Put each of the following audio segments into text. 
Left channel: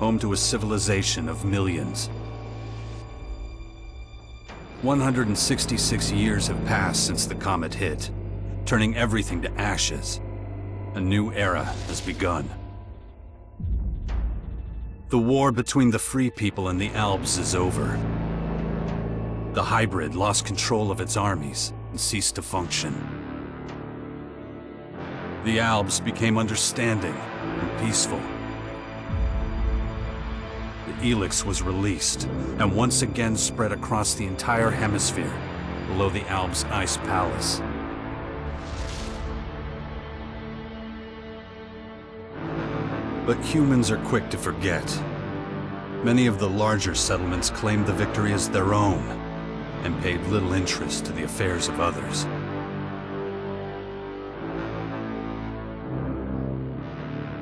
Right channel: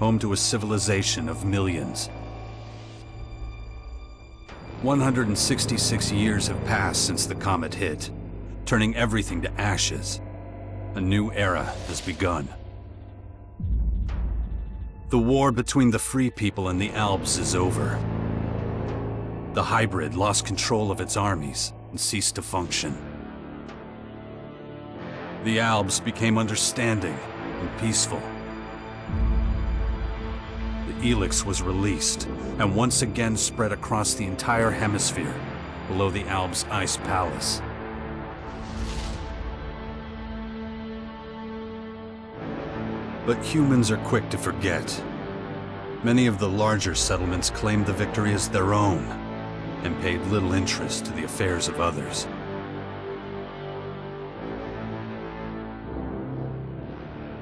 home to a civilization of millions. 166 years have passed since the comet hit, turning everything to ashes. A new era has begun. The war between the free people and the Alps is over. The hybrid lost control of its armies and ceased to function. The Alps became understanding and peaceful. The ELEX was released and once again spread across the entire hemisphere below the Alps Ice Palace. But humans are quick to forget. Many of the larger settlements claimed the victory as their own and paid little interest to the affairs of others.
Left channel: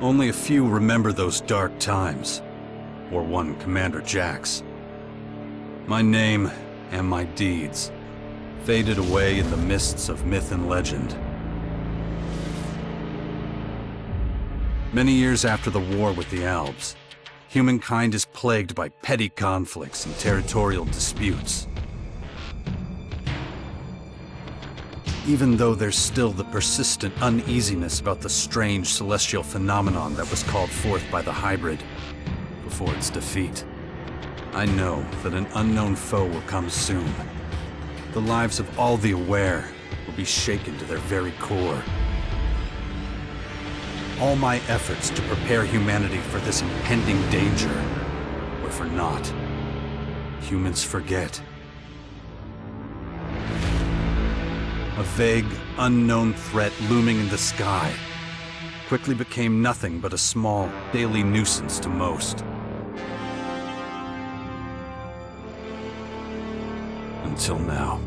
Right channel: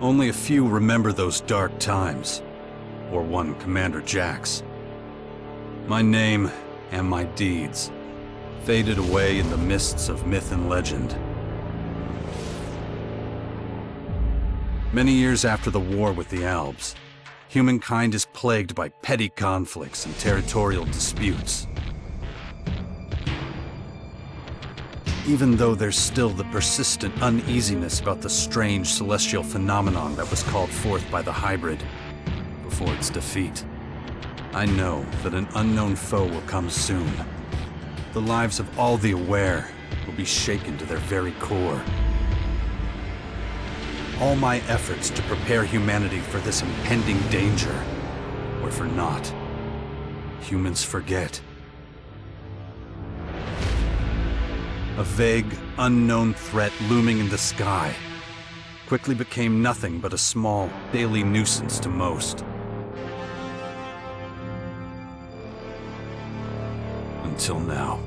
Only a few remember those dark times, or one Commander Jax. My name and my deeds faded away in the mists of myth and legend. Many years after the war with the Alps, humankind is plagued by petty conflicts and territorial disputes. Even though there's still the persistent uneasiness about the strange celestial phenomenon that was called forth by the hybrid before its defeat, I know that an unknown foe will come soon. The lives of all the aware will be shaken to their very core. All my efforts to prepare humanity for this impending danger were for naught. Humans forget. A vague, unknown threat looming in the sky quickly became nothing but a small, daily nuisance to most. Until now.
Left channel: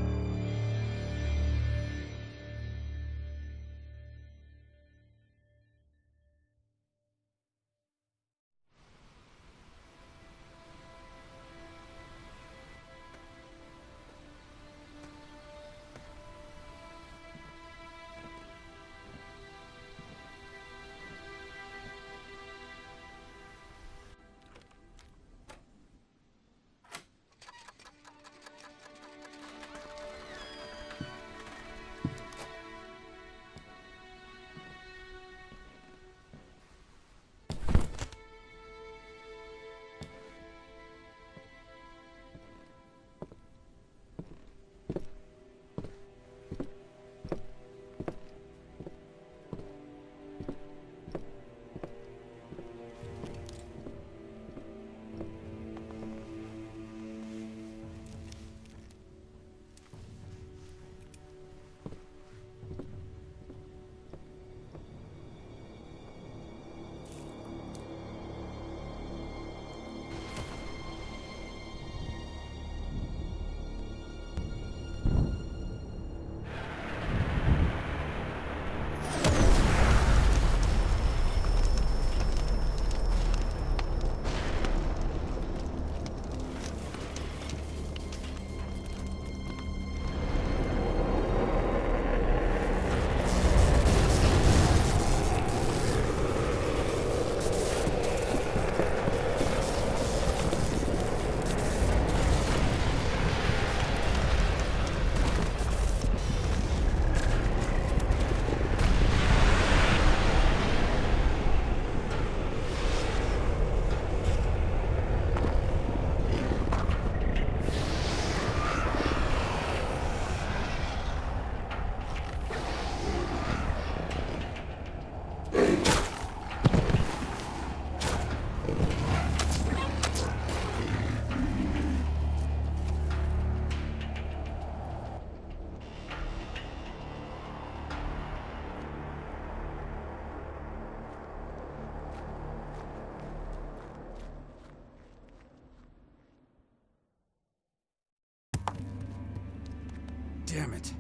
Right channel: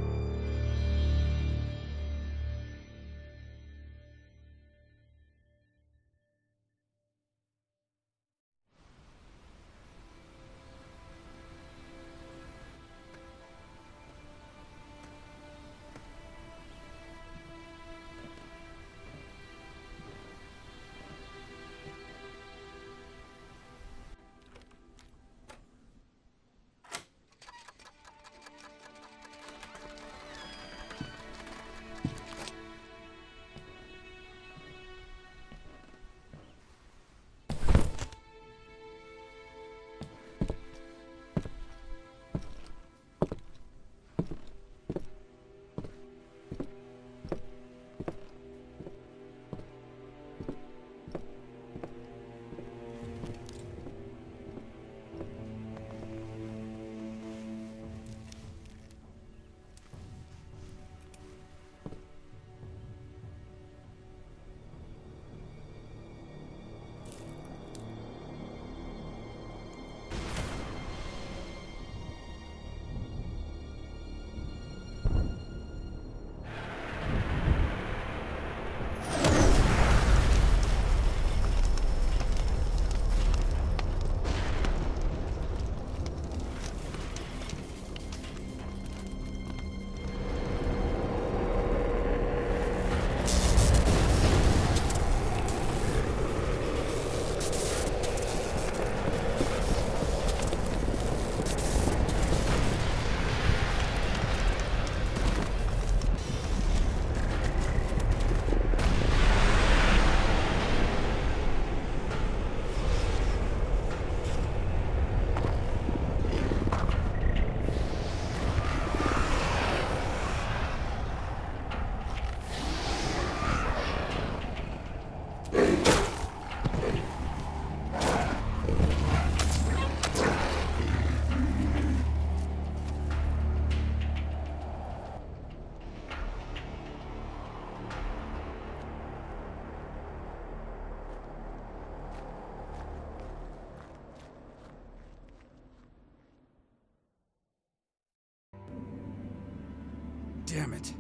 Damn it.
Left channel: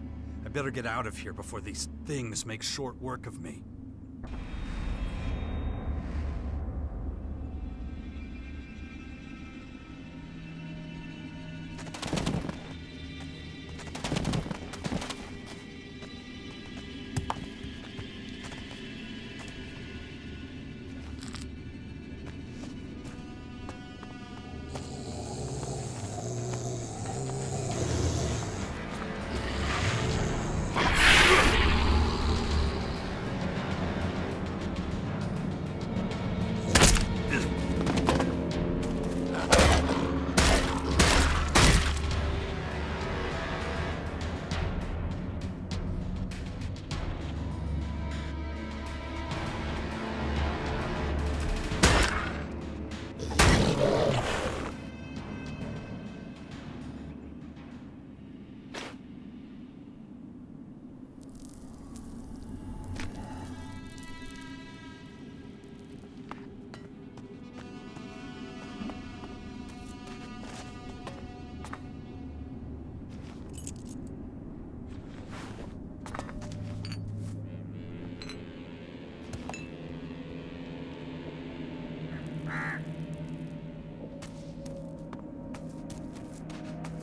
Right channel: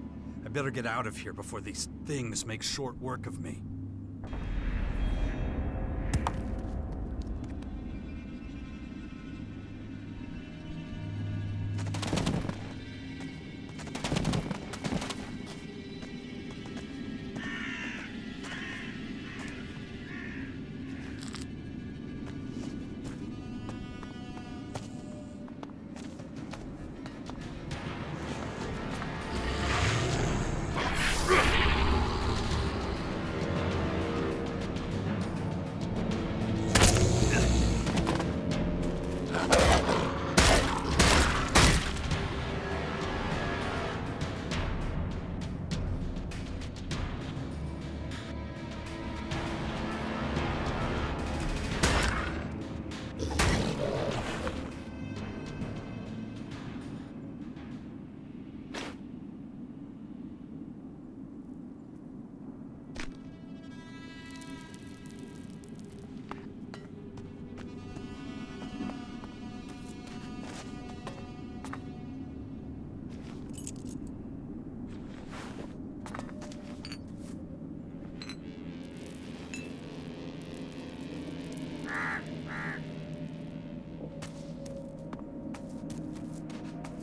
I better get out of here before these things make short work of me.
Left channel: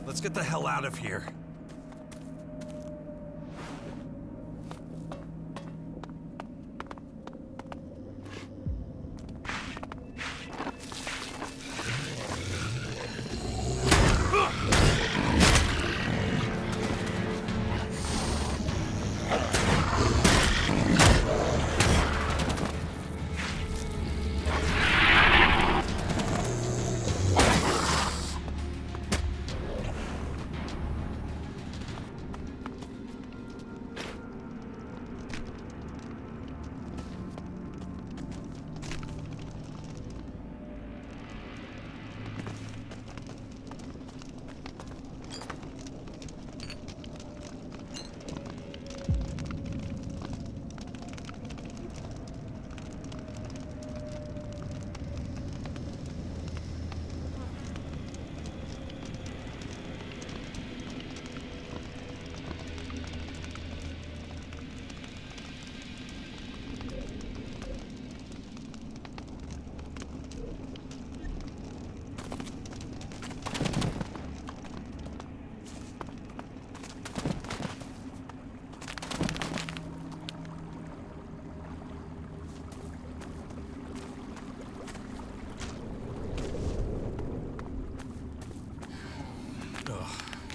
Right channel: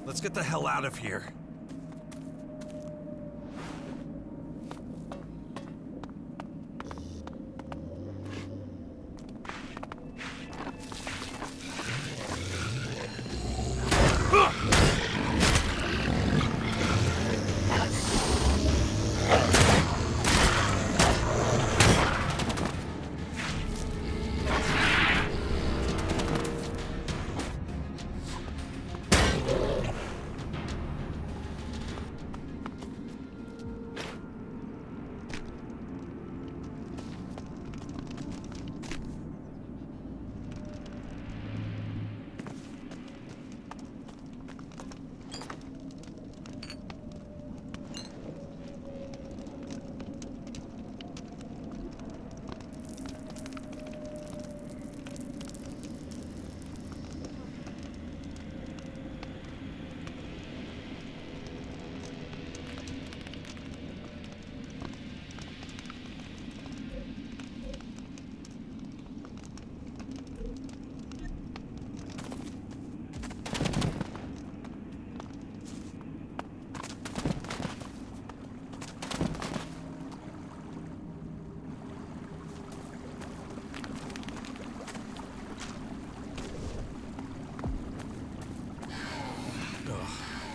Let's get the hell out of here.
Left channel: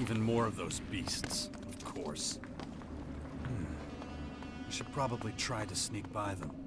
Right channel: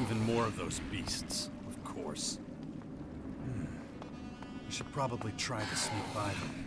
Even more of those beasts, of course. I should probably try to sneak by them.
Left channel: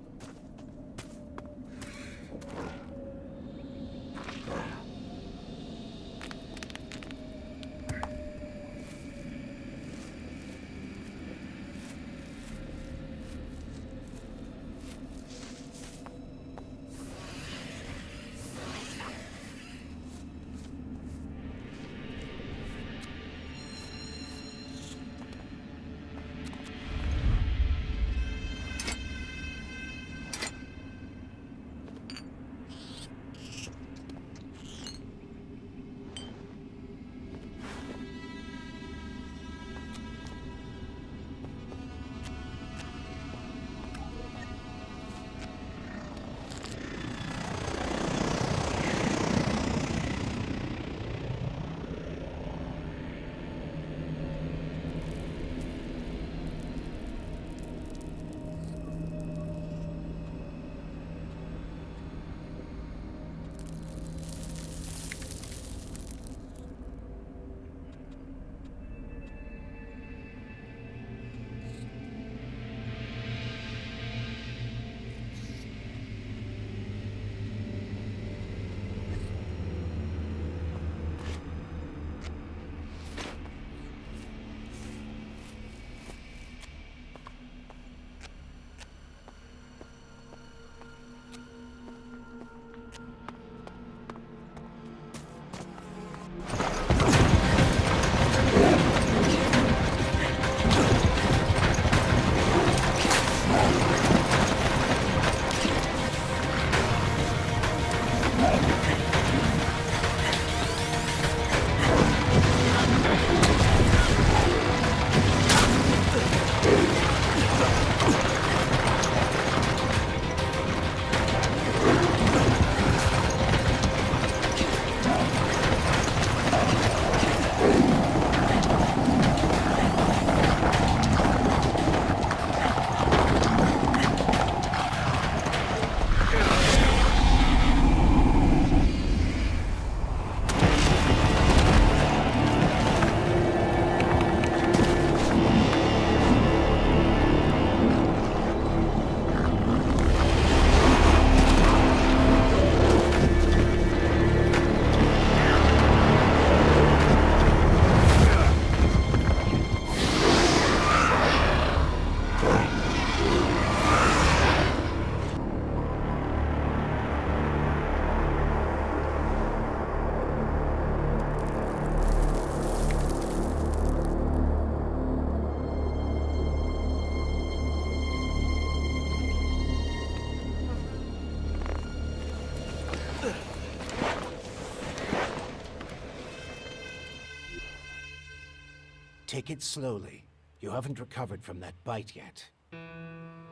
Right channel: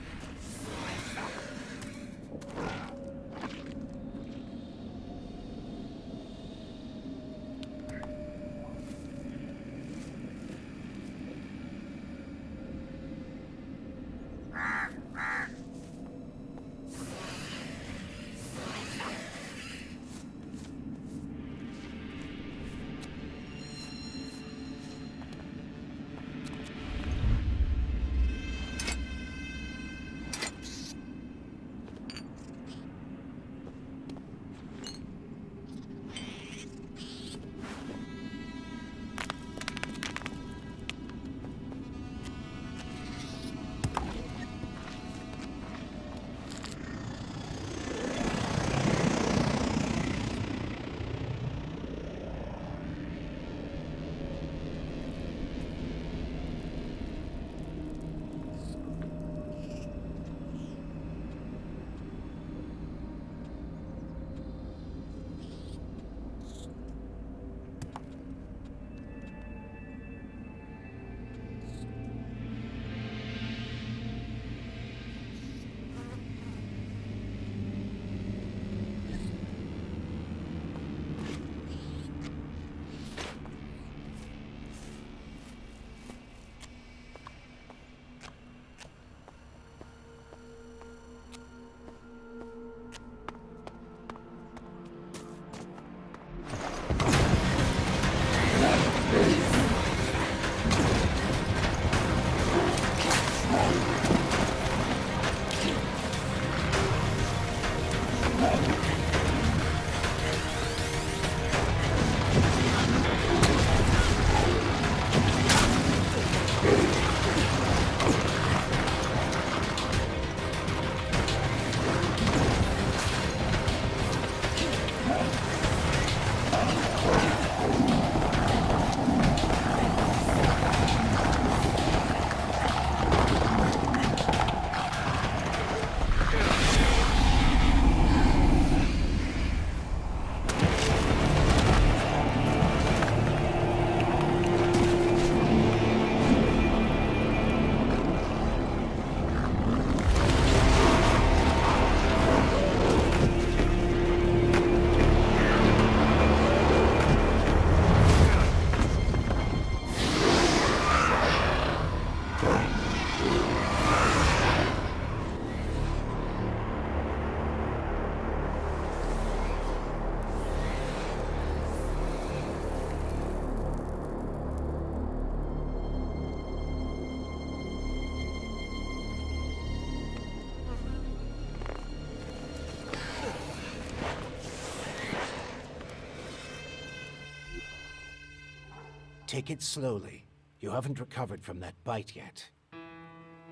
Take it slowly. You haven't recovered from that bite yet.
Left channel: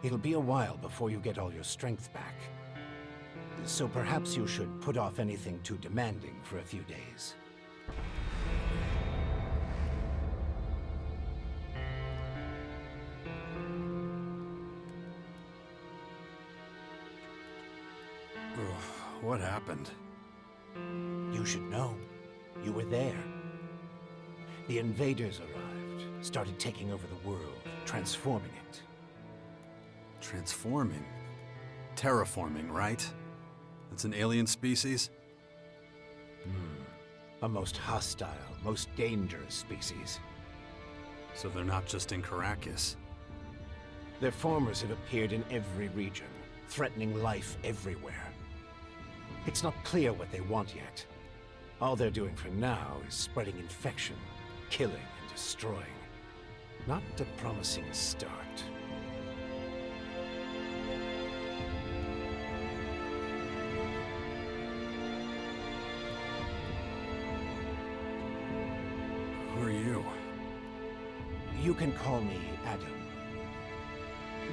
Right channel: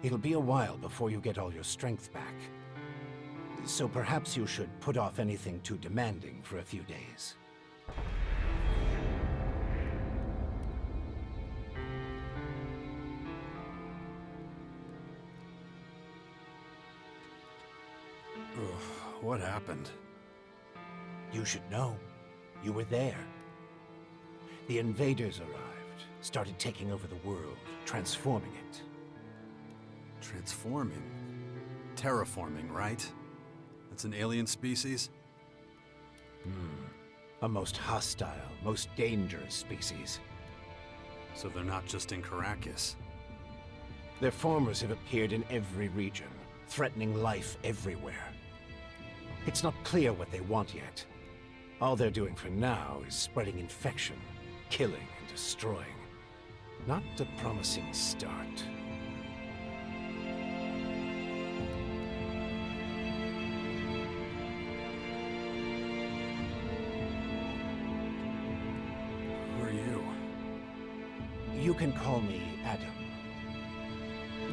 It'll be a while before you get all your strength back. So perhaps you should put off anything too demanding for a few days. What happened? You should know. You were there. The invaders arrived, started taking over the world, transforming it. Transforming? Terraforming, right? That's an alien species? A most hostile, most dangerous species. So they're not just in Caracas. Their formers have appeared in every region, threatening life everywhere. It's not clear what they want yet. All they're doing for now is spreading infection, killing and destroying. Not a promising start. Who are you? You can call me Adam.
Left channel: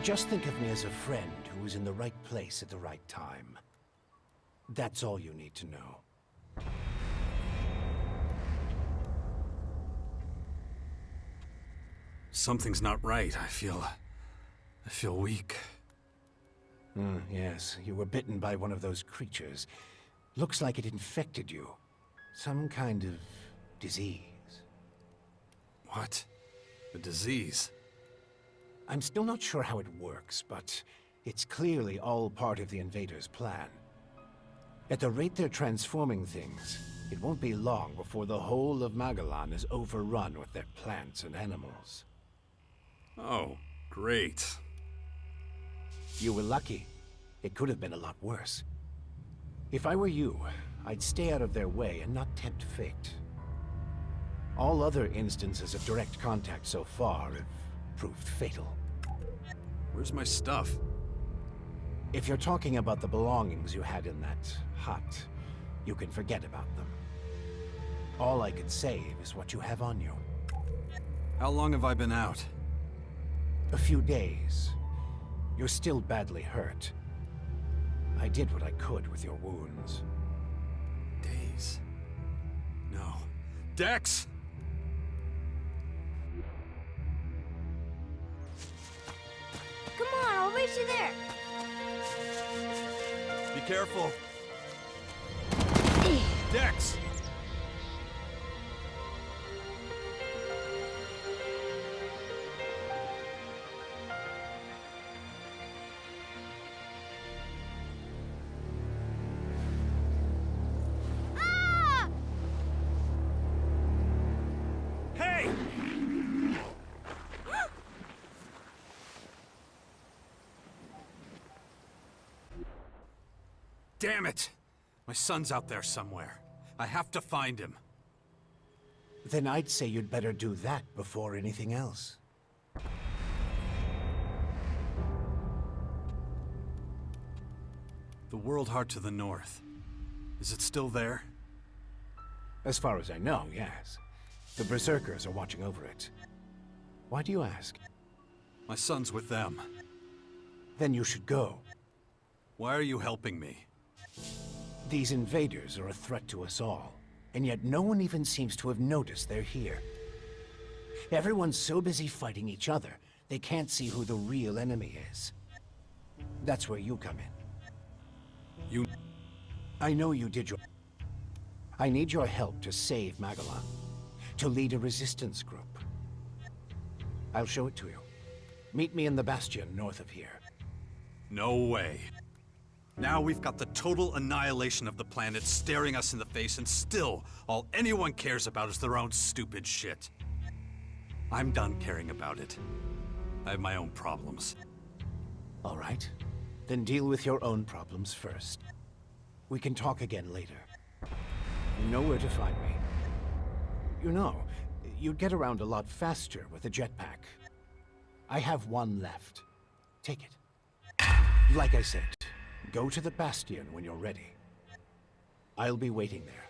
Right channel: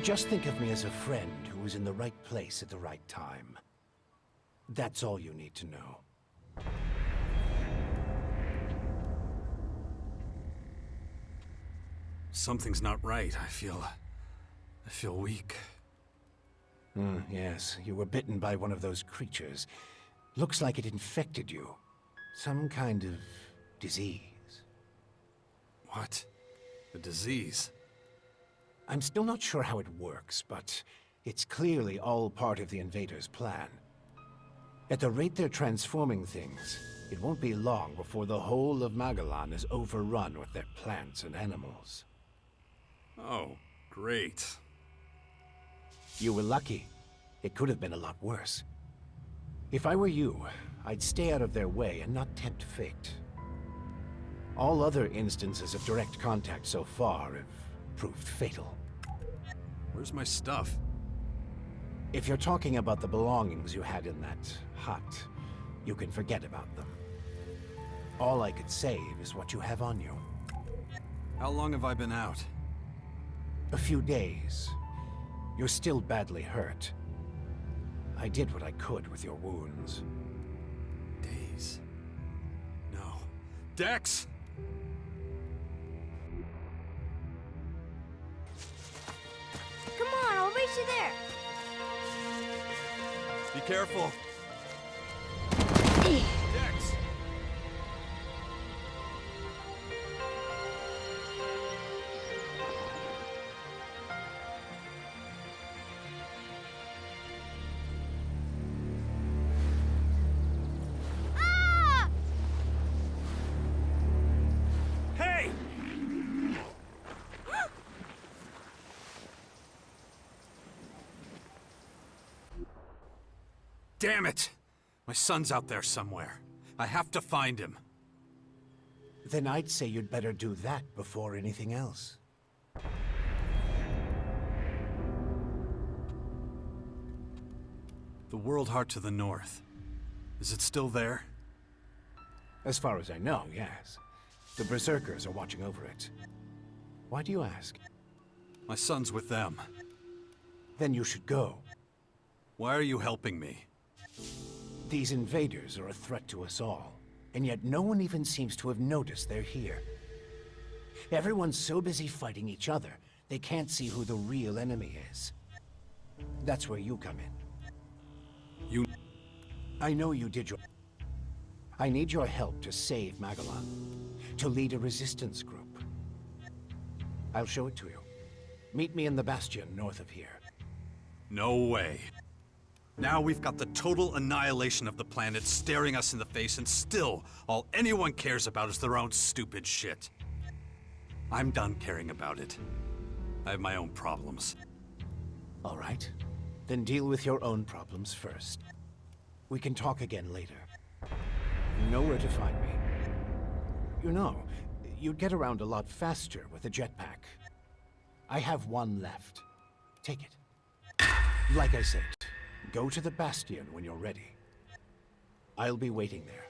Just think of me as a friend who was in the right place at the right time. That's all you need to know. Something's not right. I feel weak. Yes, you were bitten by one of those creatures. Looks like it infected you. Some kind of disease. What? A disease? I'm still not sure how it works, but it's clearly all part of the invaders' plan. At the rate they're transforming things, it won't be long before the whole of Magalan is overrun with their plants and animals. Oh, great. You were lucky. It could have been a lot worse. If I were you, I'd stay out of their way and not tempt fate. All other instances of direct contact so far have proved fatal. Where's my stuff? If you're talking about the belongings you had in that hut, you can forget about them. All I could save is what you have on you. How long have I been out? A few days. You're still badly hurt. I did what I could with your wounds. Days? No. Dex! Come on, I'll race you there. Be careful. Dex! Ah! Hey! Damn it! My son's out there somewhere. I have to find him. Then I'd say you'd better do that before anything else. The World Heart to the north. Is it still there? As far as I know, yes. The Berserkers are watching over it. Why do you ask? My son's with them. Then you should go. Why are you helping me? These invaders are a threat to us all, and yet no one even seems to have noticed they're here. Everyone's so busy fighting each other, they can't see who the real enemy is. That's where you come in. You... I know you did your... I need your help to save Magalan, to lead a resistance group. I'll show it to you. Meet me in the bastion north of here. No way. Now we've got the total annihilation of the planet staring us in the face, and still, all anyone cares about is their own stupid shit. I'm done caring about it. I have my own problems. All right. Then deal with your own problems first. We can talk again later. You know where to find me. You know, you'd get around a lot faster with a jetpack. I have one left. Take it. Like I said, go to the bastion when you're ready. I'll be waiting there.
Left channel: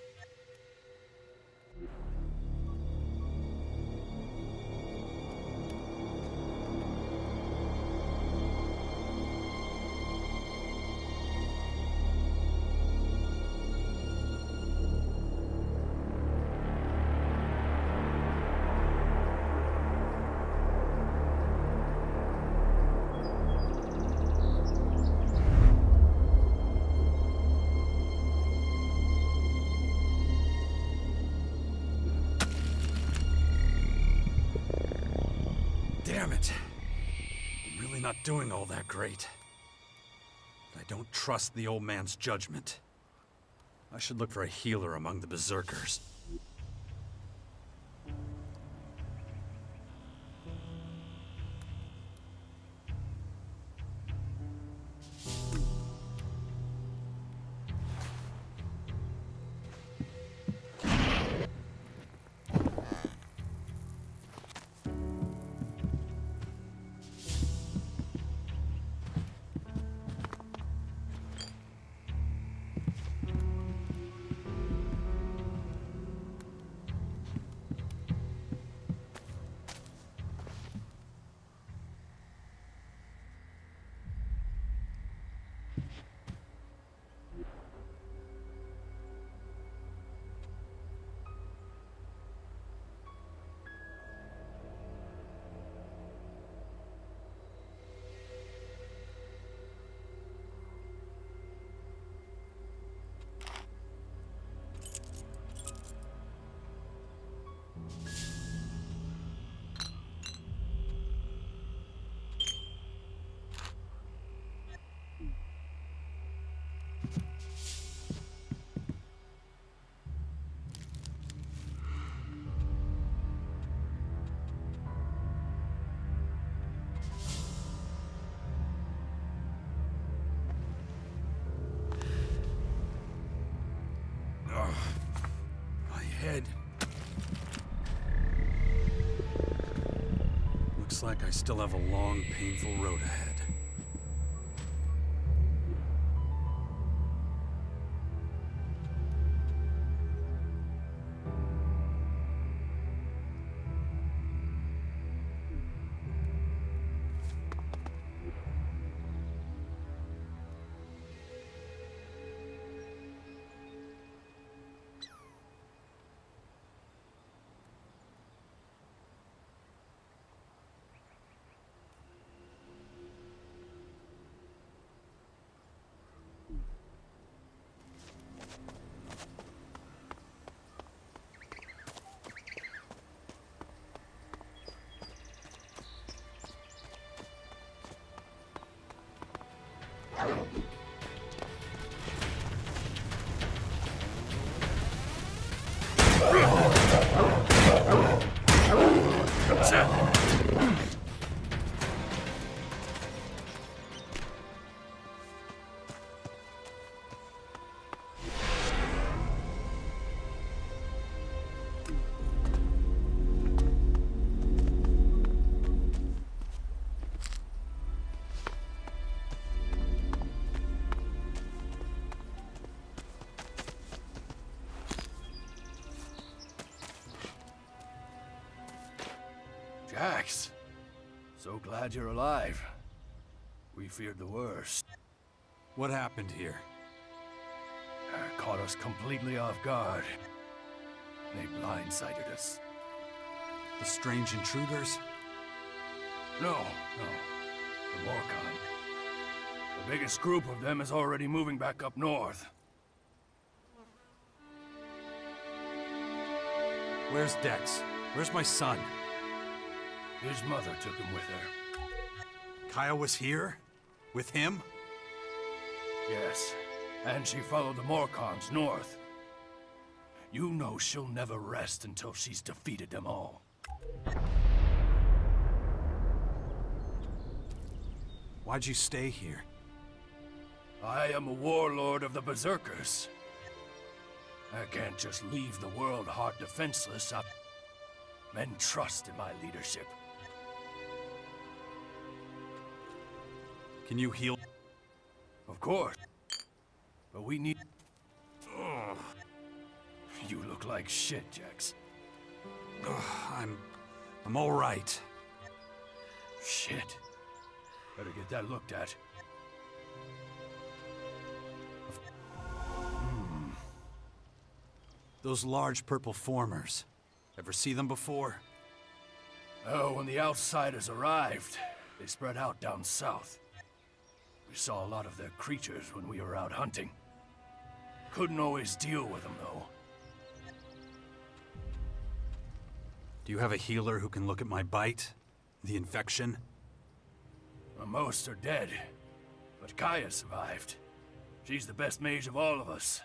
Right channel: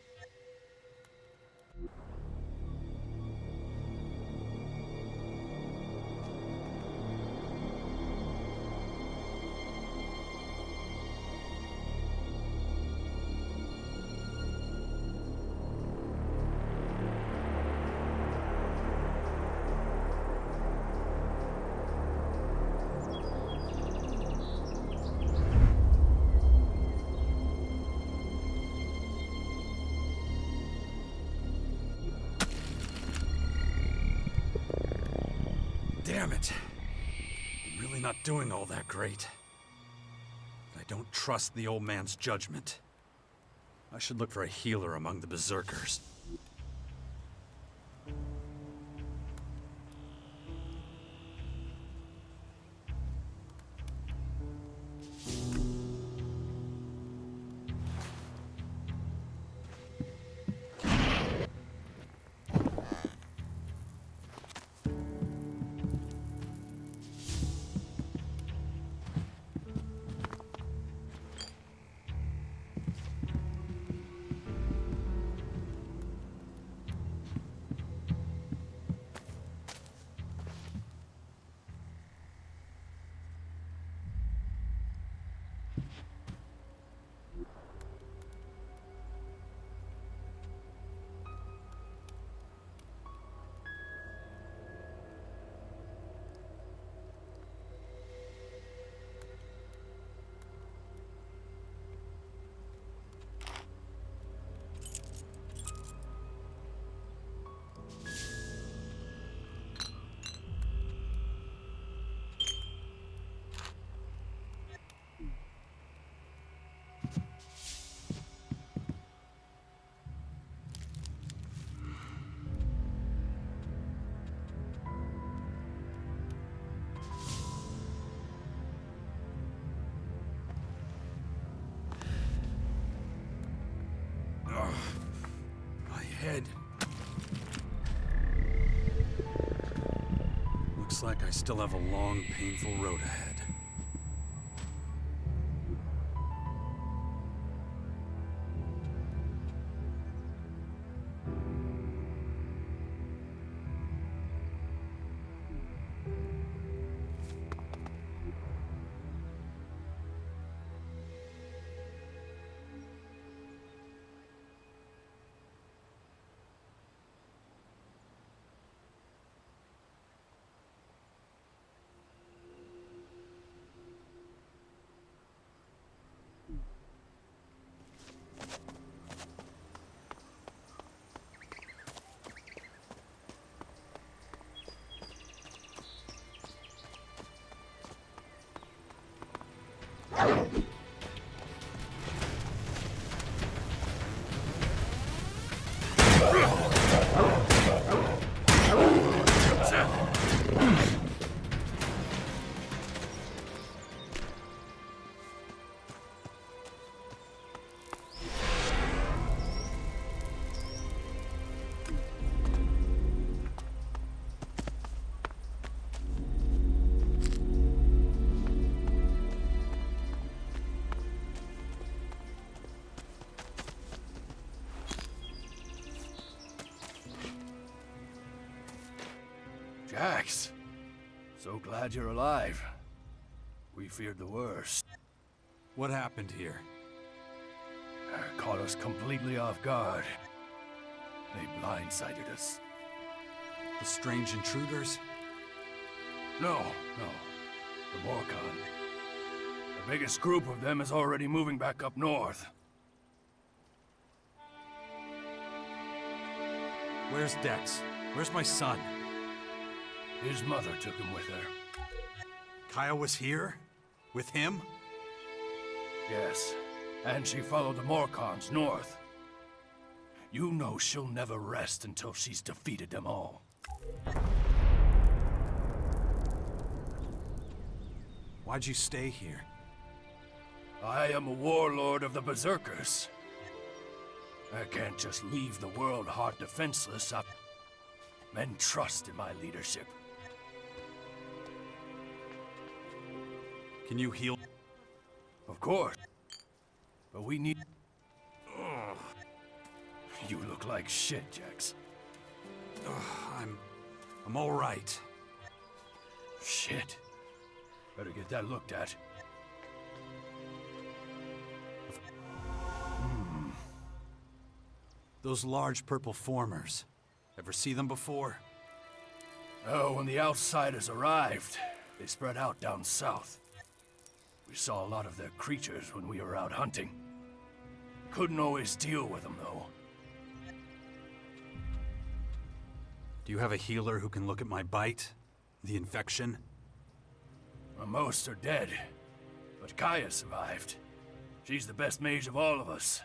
Damn it. I'm really not doing all that great. But I don't trust the old man's judgment. I should look for a healer among the berserkers. My head. Looks like I still have a long, painful road ahead. Jax, so glad you're alive. We feared the worst. What happened here? Caught us completely off guard. They blindsided us. The strange intruders? No. The Morcon. The biggest group of them is already moving back up north. Where's Dex? Where's my son? His mother took him with her. Kaya was here? With him? Yes, and she followed the Morcons north. You know she'll never rest until she's defeated them all. Why'd you stay here? I am a warlord of the Berserkers. I can't just leave the world hard defenseless. Men trust in my leadership. Can you heal? Of course. But we need... Ugh. You look like shit, Jax. I'm all right. Shit. Better get that looked at. Those large purple formers. Ever see them before? Oh, when the outsiders arrived, they spread out down south. We saw a lot of their creatures when we were out hunting. Couldn't always deal with them, though. Do you have a healer who can look at my bite? The infection? Well, most are dead, but Kaya survived. She's the best mage of all of us.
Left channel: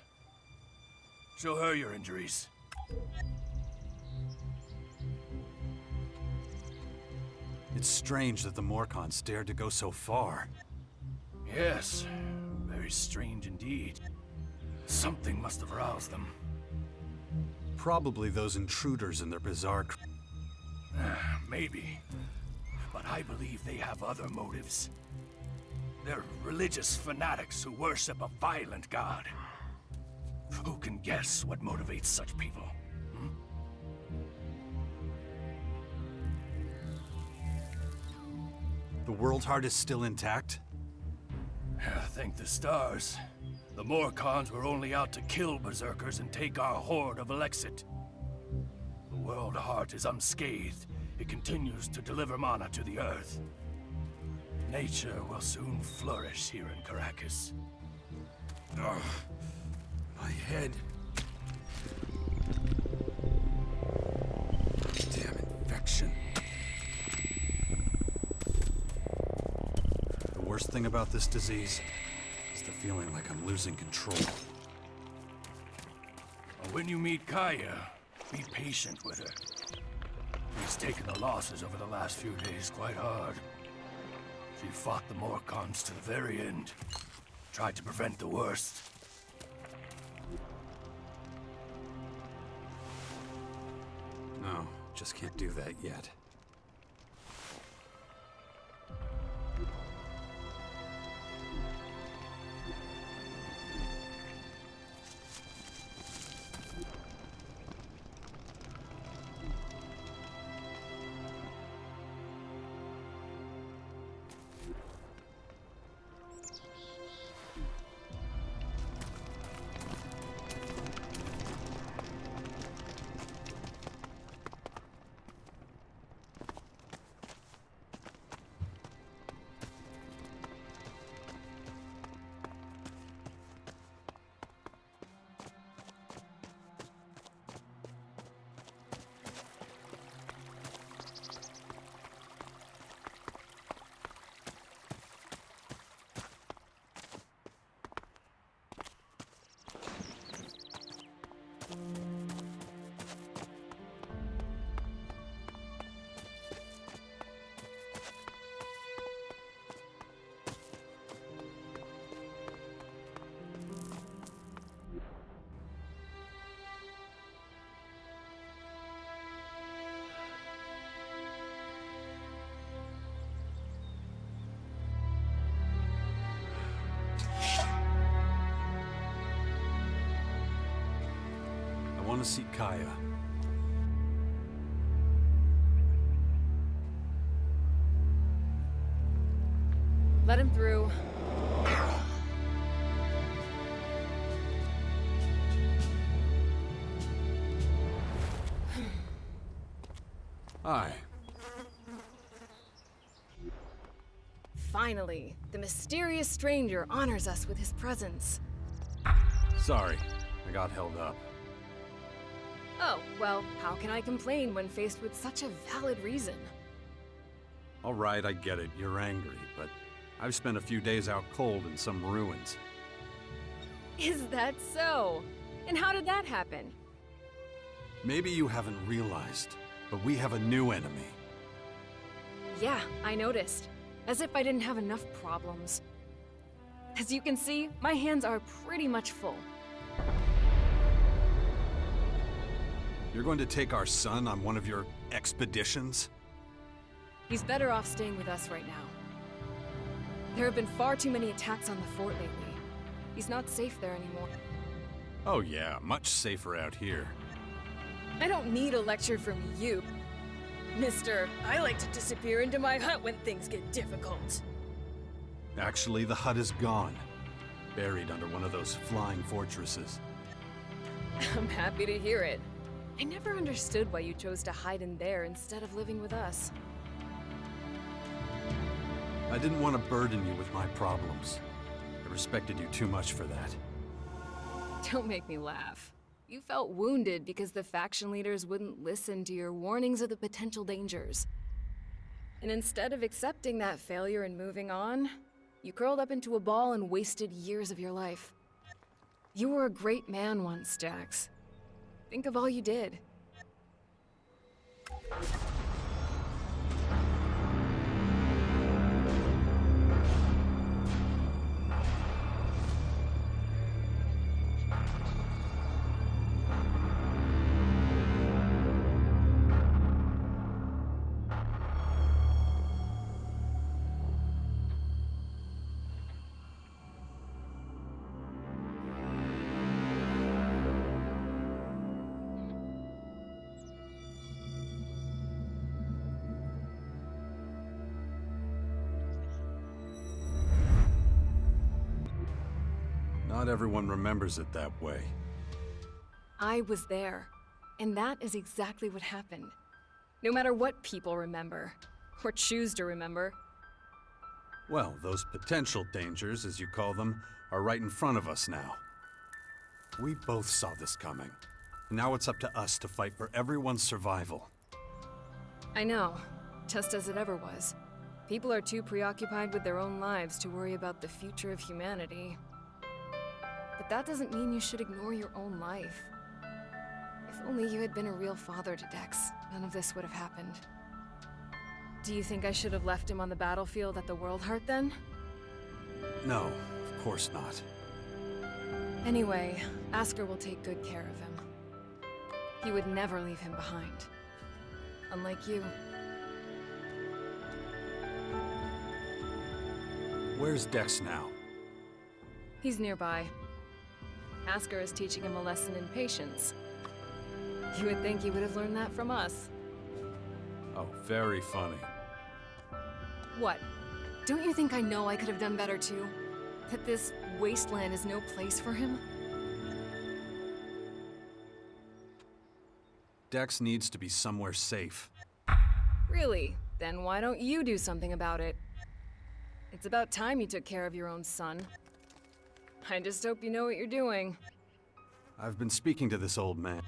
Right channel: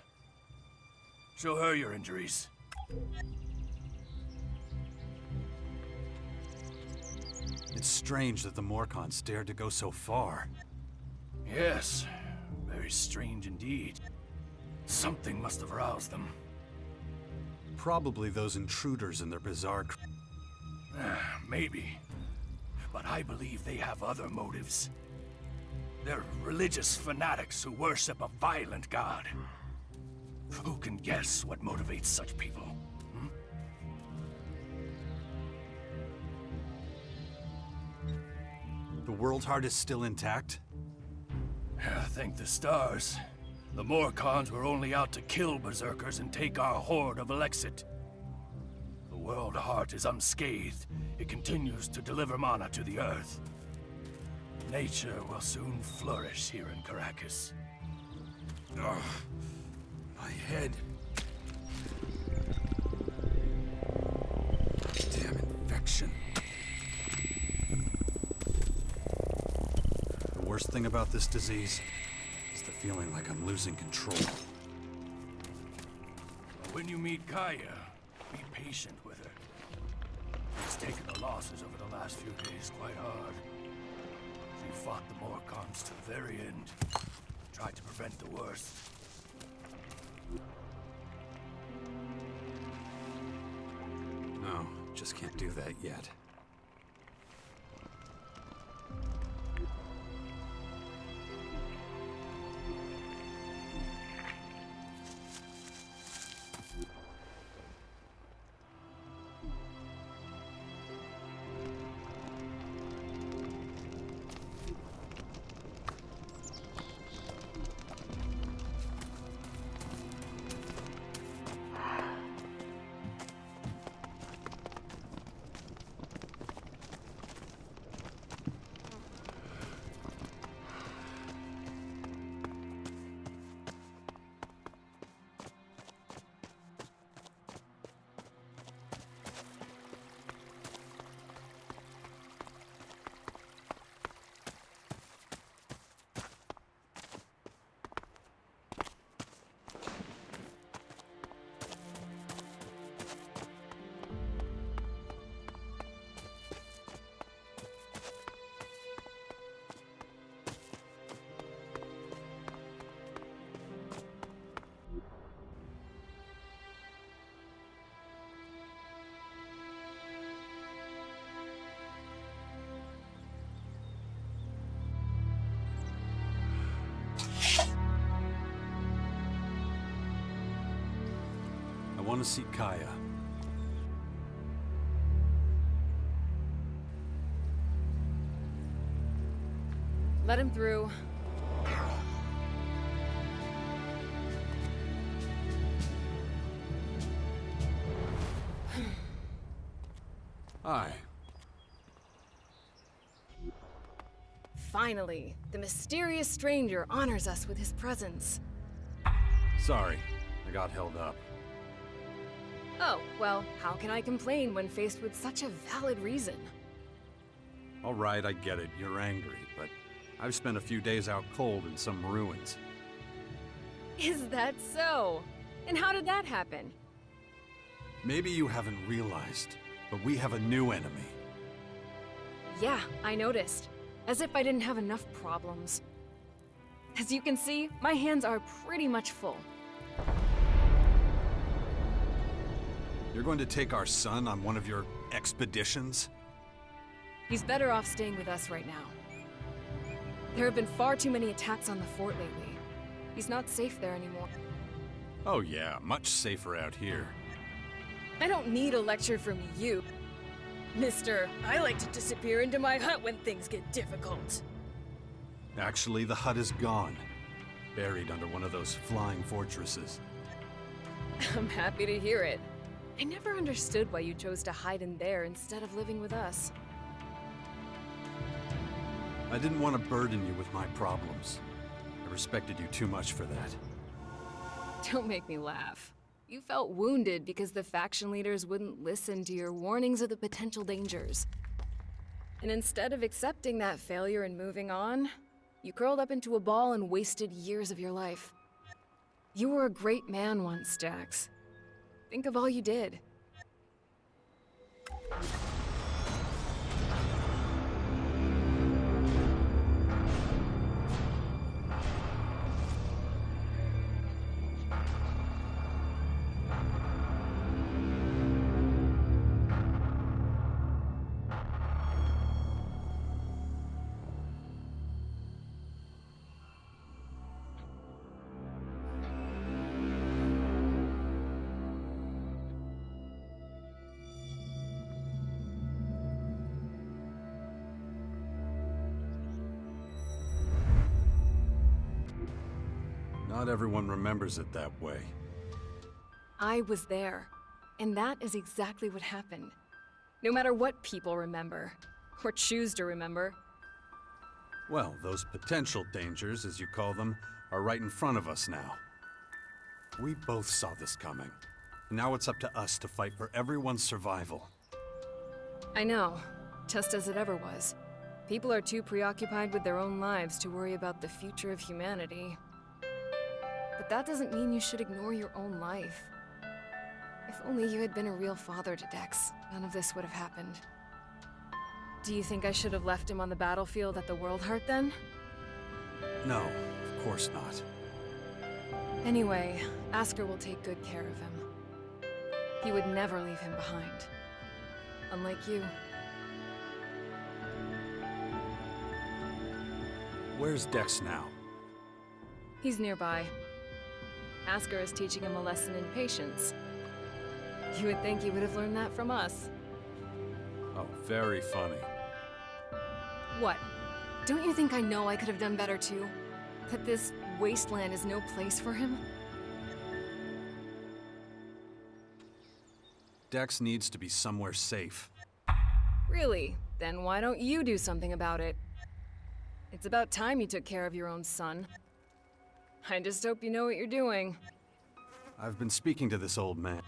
Show her your injuries. It's strange that the Morkons dared to go so far. Yes, very strange indeed. Something must have roused them. Probably those intruders and their bizarre... Maybe. But I believe they have other motives. They're religious fanatics who worship a violent god. Who can guess what motivates such people? Hmm? The World Heart is still intact? Thank the stars. The Morkons were only out to kill berserkers and take our horde of Elexit. The World Heart is unscathed. It continues to deliver mana to the Earth. Nature will soon flourish here in Caracas. Ugh, my head. Damn infection. The worst thing about this disease is the feeling like I'm losing control. When you meet Kaya, be patient with her. She's taken the losses over the last few days quite hard. She fought the Morkons to the very end. Tried to prevent the worst. No, just can't do that yet. I want to see Kaya. Let him through. Hi. Finally, the mysterious stranger honors us with his presence. Sorry, I got held up. Oh, well, how can I complain when faced with such a valid reason? All right, I get it. You're angry, but I've spent a few days out cold in some ruins. Is that so? And how did that happen? Maybe you haven't realized, but we have a new enemy. Yeah, I noticed. As if I didn't have enough problems. As you can see, my hands are pretty much full. You're going to take our son on one of your expeditions? He's better off staying with us right now. There have been far too many attacks on the fort lately. He's not safe there anymore. Oh yeah, much safer out here. I don't need a lecture from you. Mister, I like to disappear into my hut when things get difficult. Actually, the hut is gone. Buried under one of those flying fortresses. I'm happy to hear it. I never understood why you chose to hide in there instead of living with us. I didn't want to burden you with my problems. I respected you too much for that. Don't make me laugh. You felt wounded because the faction leaders wouldn't listen to your warnings of the potential dangers. And instead of accepting that failure and moving on, you curled up into a ball and wasted years of your life. You were a great man once, Jax. Think of all you did. Not everyone remembers it that way. I was there, and that is exactly what happened. No matter what people remember, or choose to remember. Well, those potential dangers, as you call them, are right in front of us now. We both saw this coming. Now it's up to us to fight for everyone's survival. I know, just as it ever was. People are too preoccupied with their own lives to worry about the future of humanity. But that doesn't mean you should ignore your own life. If only you had been a real father to Dex, none of this would have happened. Do you think I should have left him on the battlefield at the World Heart then? No, of course not. Anyway, Asker will take good care of him. He would never leave him behind. Unlike you. Where's Dex now? He's nearby. Asker is teaching him a lesson in patience. You would think he would have learned that from us. Oh, very funny. What? Don't you think I know I could have done better too? That this wasteland is no place for him? Dex needs to be somewhere safe. Really? Then why don't you do something about it? It's about time you took care of your own son. I just hope you know what you're doing. I've been speaking to this old man.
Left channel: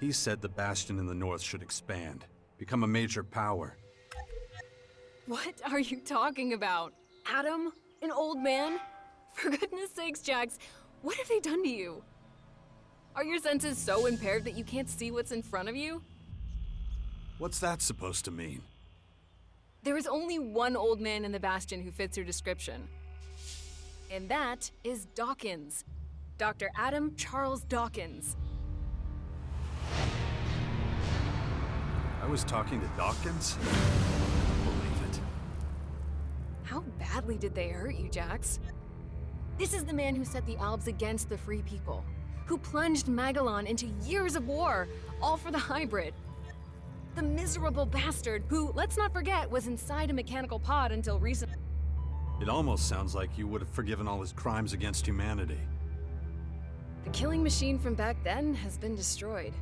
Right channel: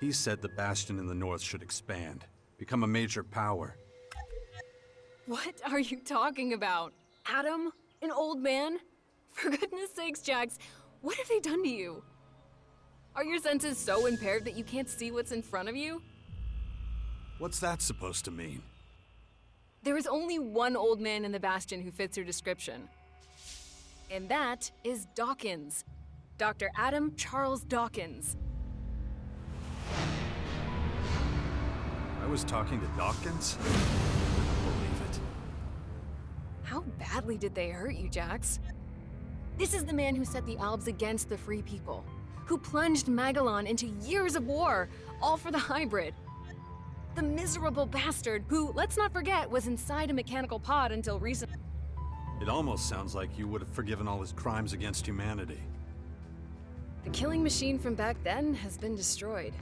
He said the Bastion in the north should expand, become a major power. What are you talking about? Adam? An old man? For goodness sakes, Jax, what have they done to you? Are your senses so impaired that you can't see what's in front of you? What's that supposed to mean? There is only one old man in the Bastion who fits your description. And that is Dawkins. Dr. Adam Charles Dawkins. I was talking to Dawkins? I don't believe it. How badly did they hurt you, Jax? This is the man who set the Albs against the Free People, who plunged Magalan into years of war, all for the hybrid. The miserable bastard who, let's not forget, was inside a mechanical pod until recently. It almost sounds like you would have forgiven all his crimes against humanity. The killing machine from back then has been destroyed.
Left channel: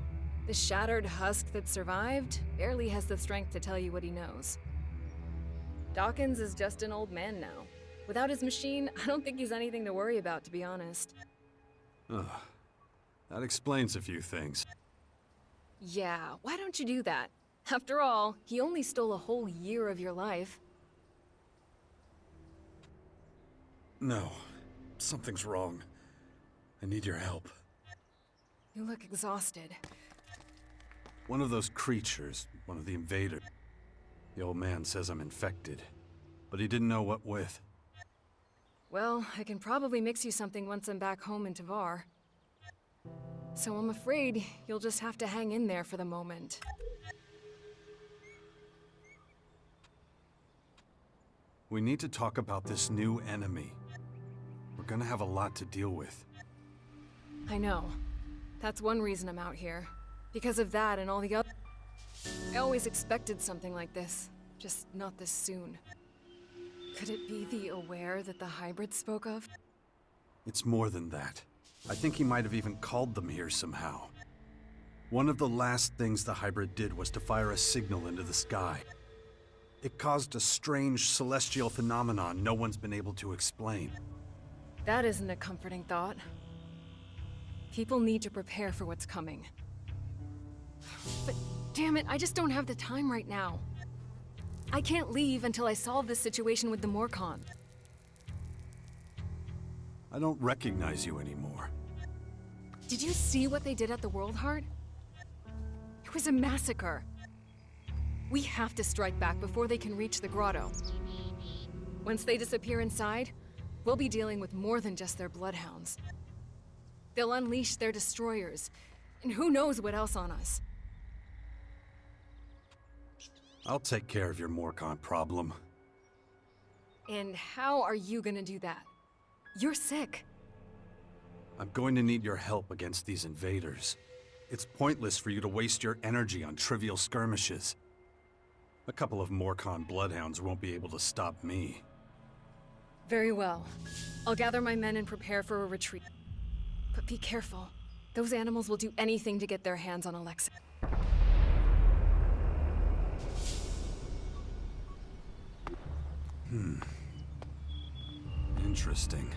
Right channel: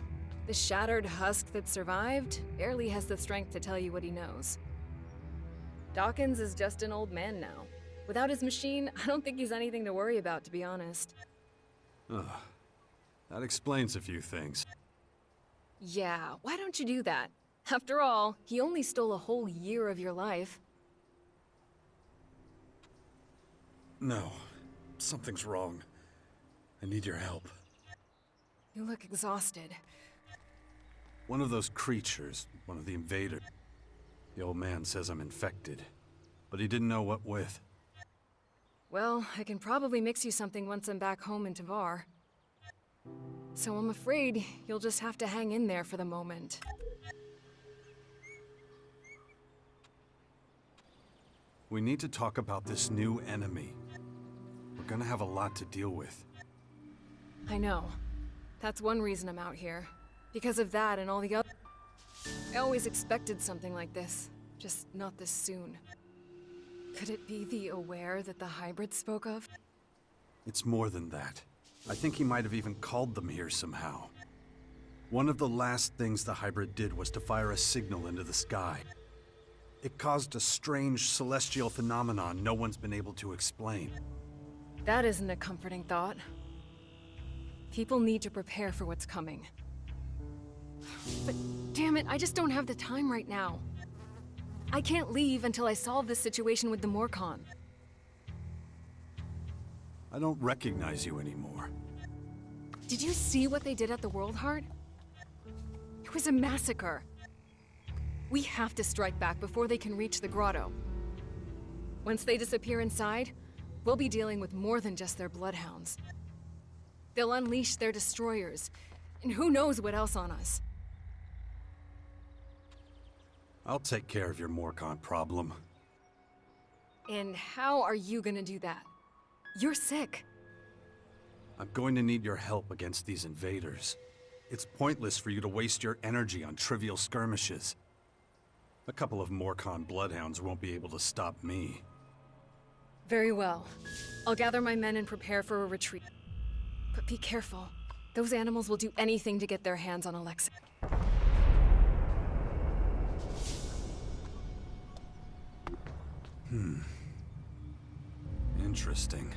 The shattered husk that survived barely has the strength to tell you what he knows. Dawkins is just an old man now. Without his machine, I don't think he's anything to worry about, to be honest. Ugh. That explains a few things. Yeah, why don't you do that? After all, he only stole a whole year of your life. No. Something's wrong. I need your help. You look exhausted. One of those creatures, one of the invaders. The old man says I'm infected, but he didn't know what with. Well, I can probably mix you something once I'm back home in Tavar. So I'm afraid you'll just have to hang in there for the moment. We need to talk about this new enemy. We're gonna have a lot to deal with. I know. That's one reason I'm out here. Because of that and all the other... I always expected something like this. Just not this soon. Could it be the Aware that the hybrid spoke of? It's more than that. I think he might have even called them here somehow. One of the last things the hybrid did was to fire a signal into the sky. It caused a strange celestial phenomenon no one's been able to explain. That isn't a comforting thought. People need to prepare for what's coming. But damn it, I just don't have the time right now. I can't leave until I solve this situation with the Morcon. I don't recognize you anymore. Did you see what they did at the World Heart? It was a massacre. We have to strike back before they can reach the grotto. Once they disappear inside, we'll be dealing with more than just their bloodhounds. They'll unleash their destroyers, and who knows what else on us. I'll take care of your Morcon problem. And how are you gonna do that? You're sick. I'm going to need your help against these invaders. It's pointless for you to waste your energy on trivial skirmishes. A couple of Morcon bloodhounds won't be able to stop me. Very well. I'll gather my men and prepare for a retreat. But be careful. Those animals will do anything to get their hands on ELEX. Interesting.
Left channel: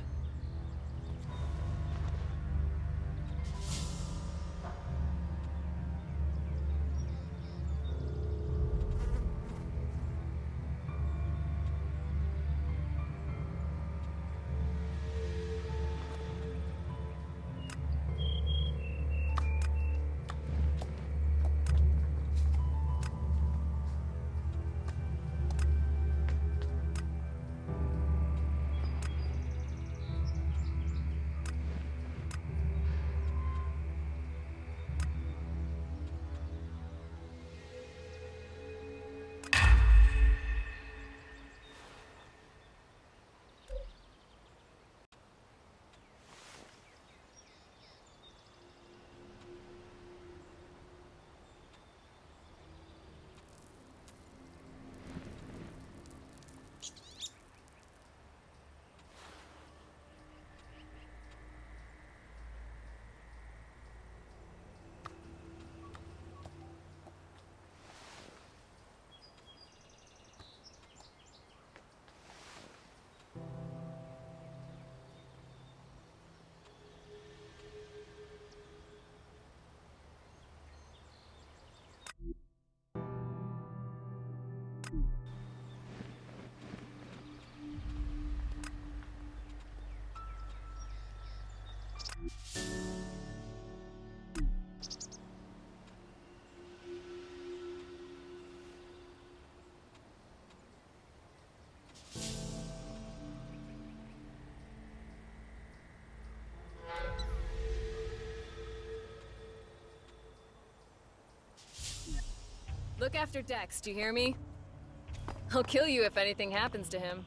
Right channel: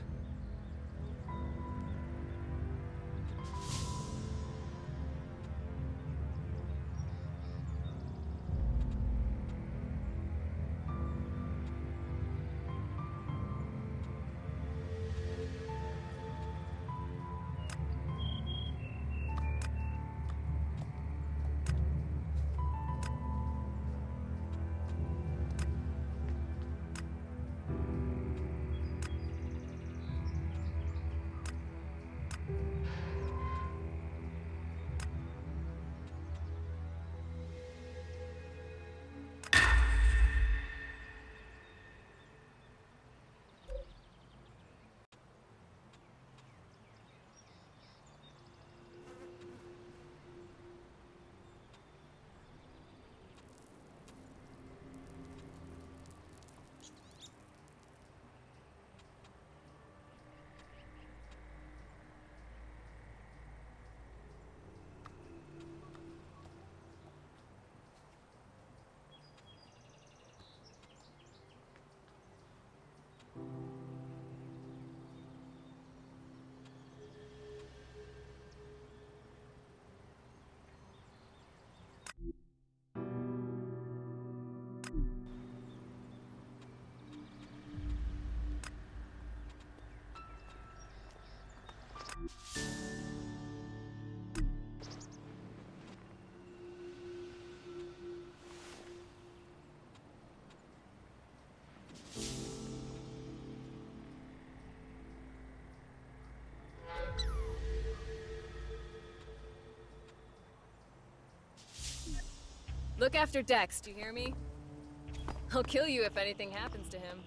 Look after Dex, do you hear me? I'll kill you if anything happens to him.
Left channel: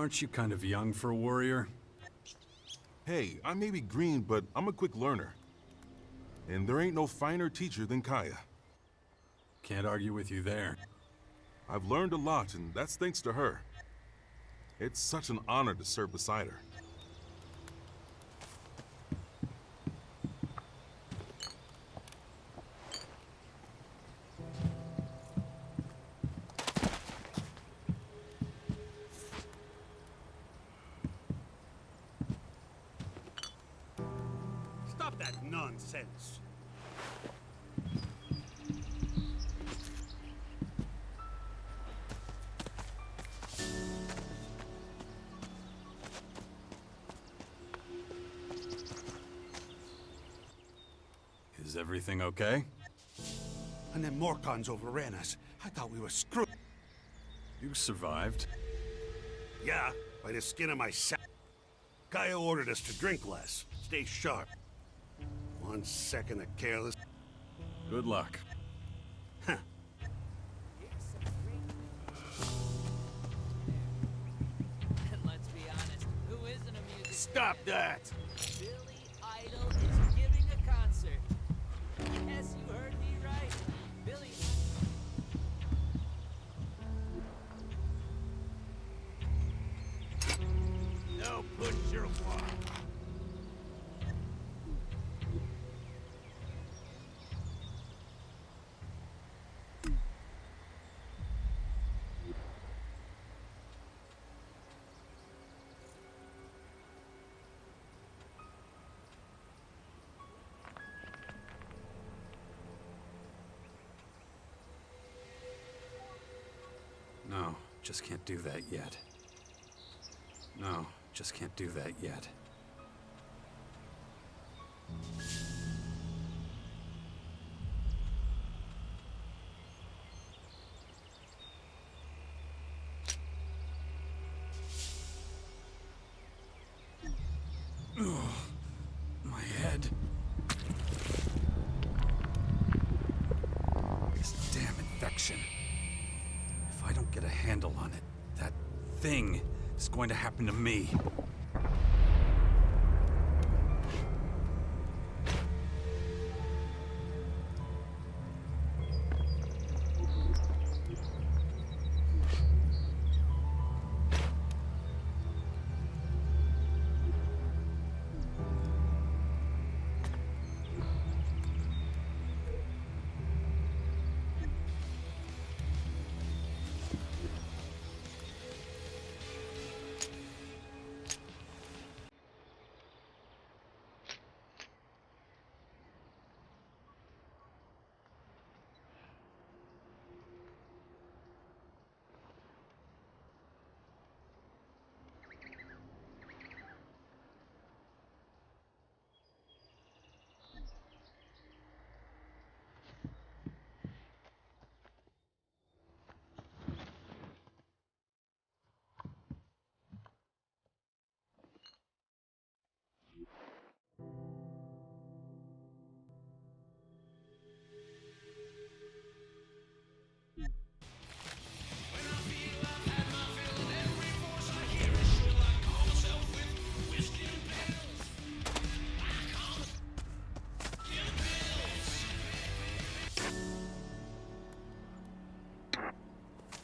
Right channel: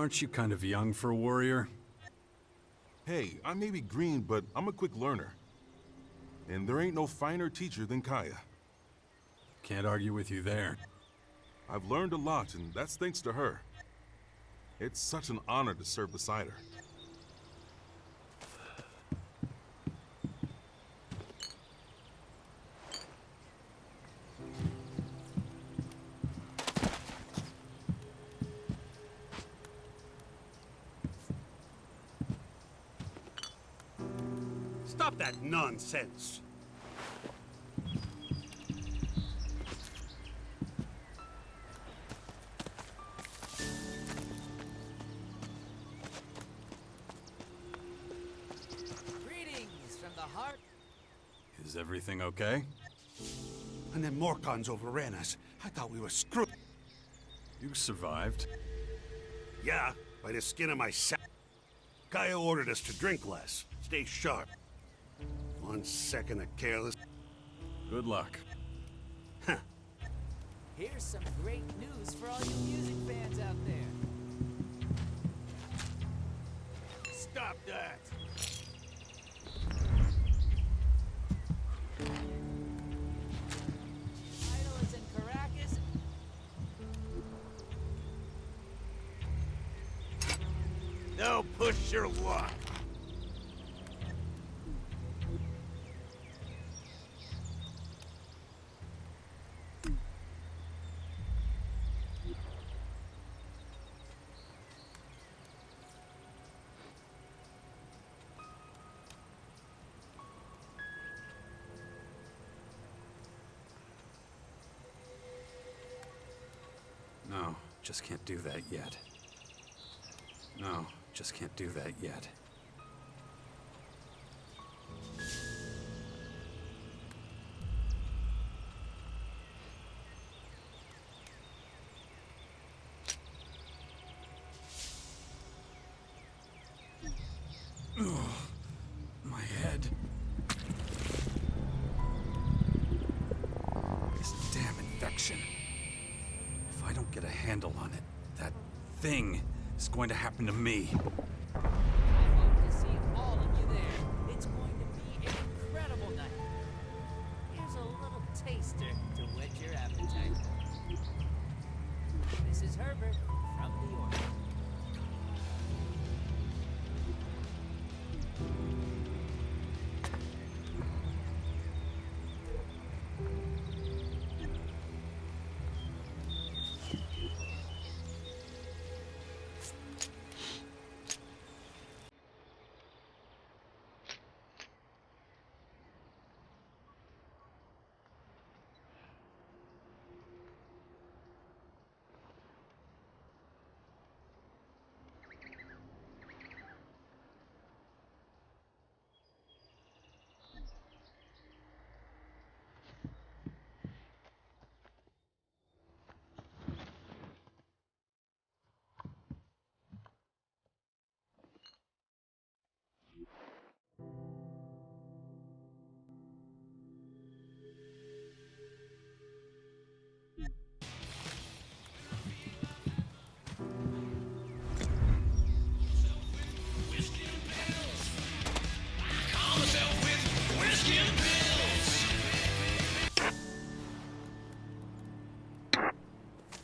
Aren't you kind of young for a warrior? Hey, I may be green, but I'm a quick learner. And there ain't no finer teacher than Kaya. Can't argue with you there. I've learned a lot, and that's thanks to her. It's such an honor to serve beside her. Stop that nonsense! Is everything okay? And then Morcons overran us. I thought we were screwed. You survived. Yeah, by the skin of my sack. Kaya ordered us to drink less, stay sharp. 1 second of careless. Good luck. Huh. Here's some great news for all you music fans out there. Let's be honest, who isn't a music Stop that! Billy Idol is giving a concert. Yes, you heard me right. Billy Idol is in Caracas. Now push your luck. No, just can't do that yet. No, just can't do that yet. Ugh, my head. This damn infection. If I don't get a handle on it, that thing is going to happen to me. To see all of you there. It's going to be an incredible night. Here's a little taster to whet your appetite. This is Herbert from the Order.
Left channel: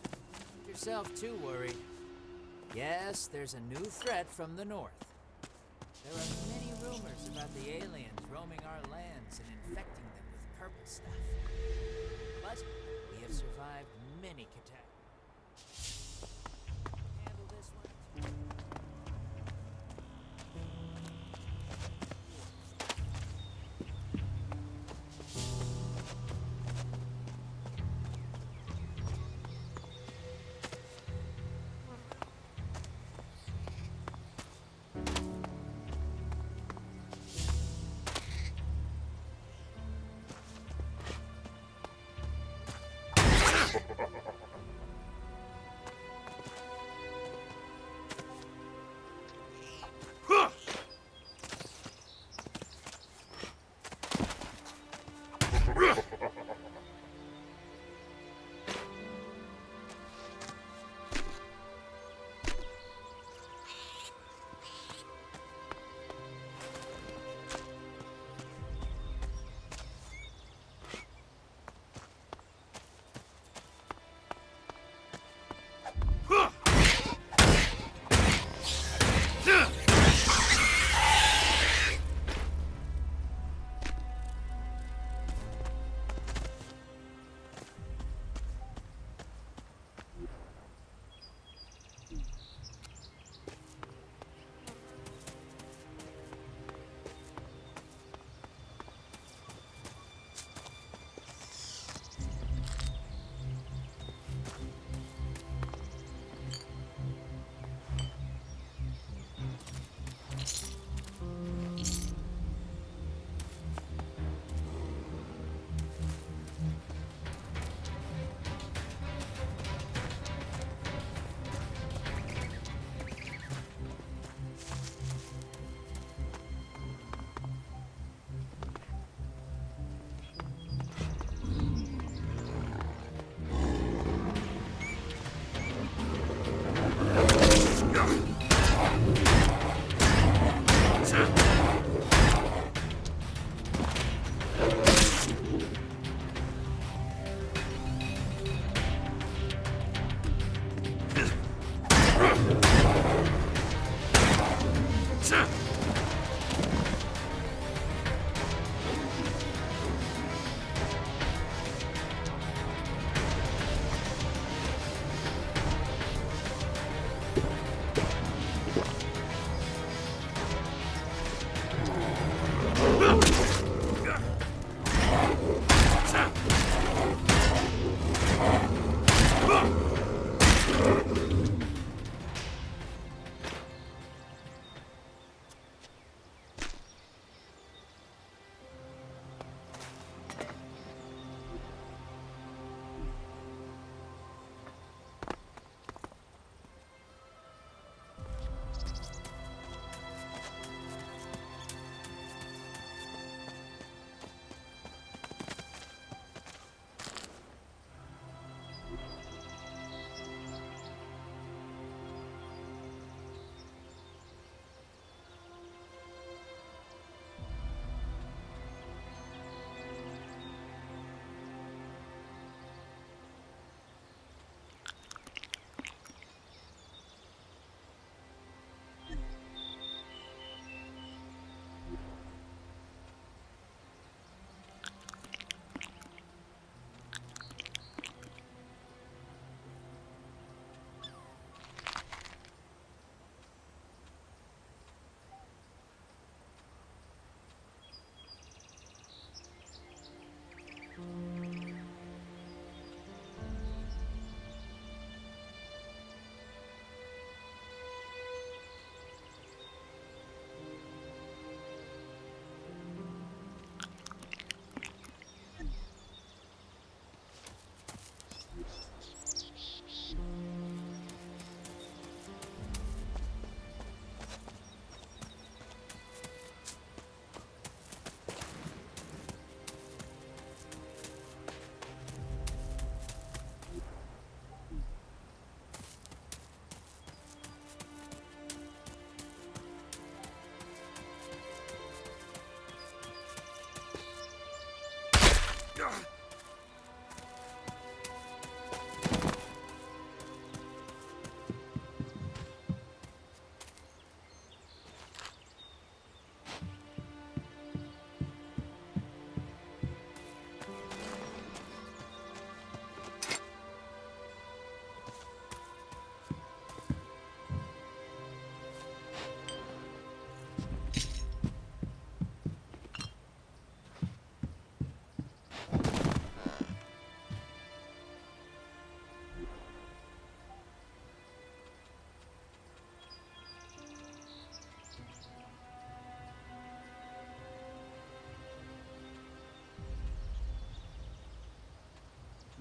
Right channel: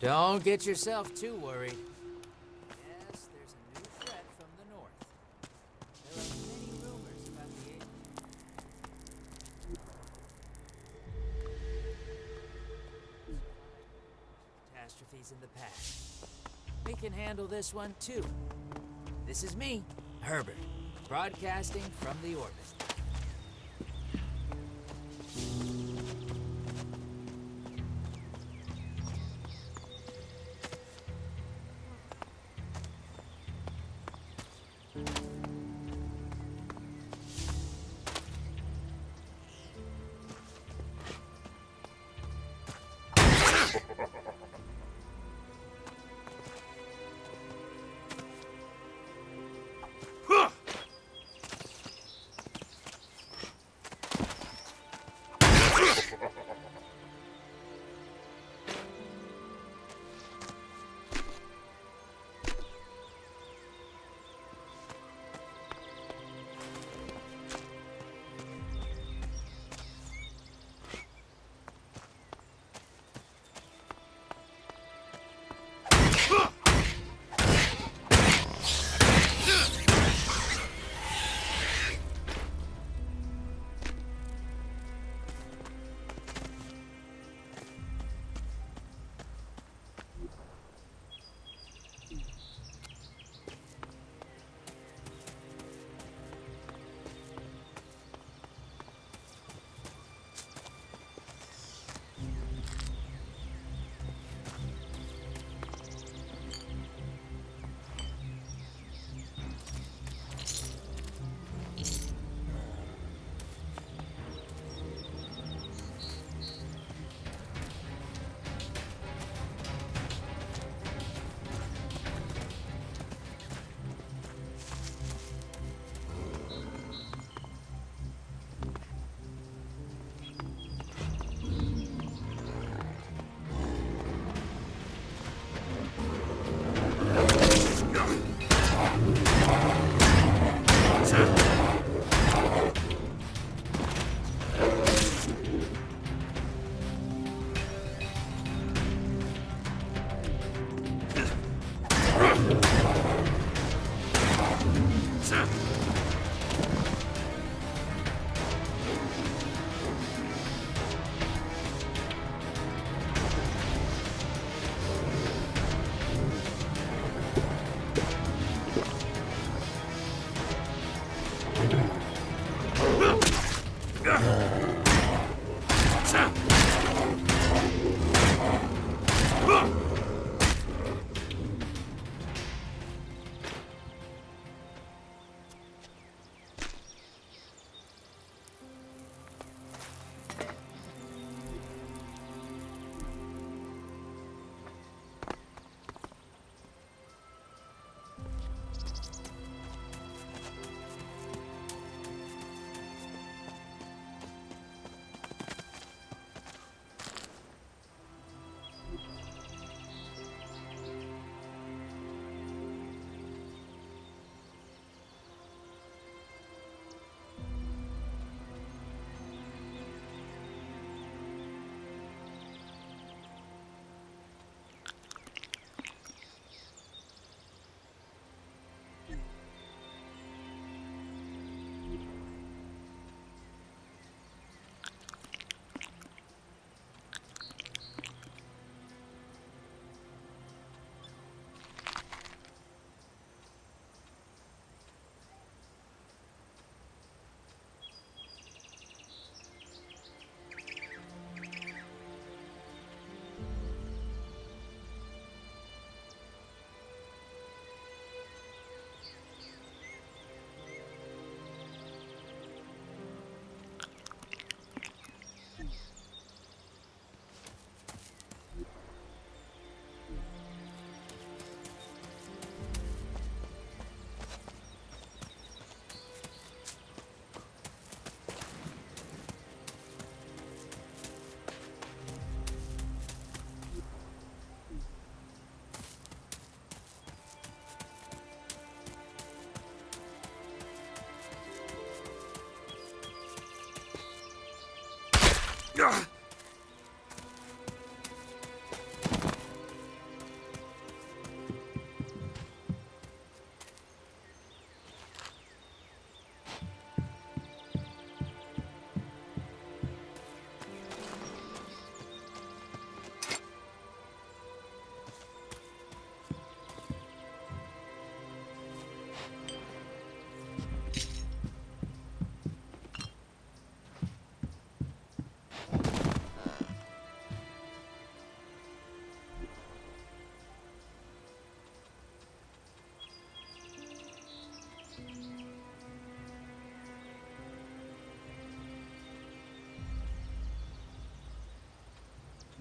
Don't get yourself too worried. Yes, there's a new threat from the north. There are many rumors about the aliens roaming our lands and infecting them with purple stuff. But we have survived many catastrophes in the past. We can handle this one too. This is me, Herbert, broadcasting from the orbit.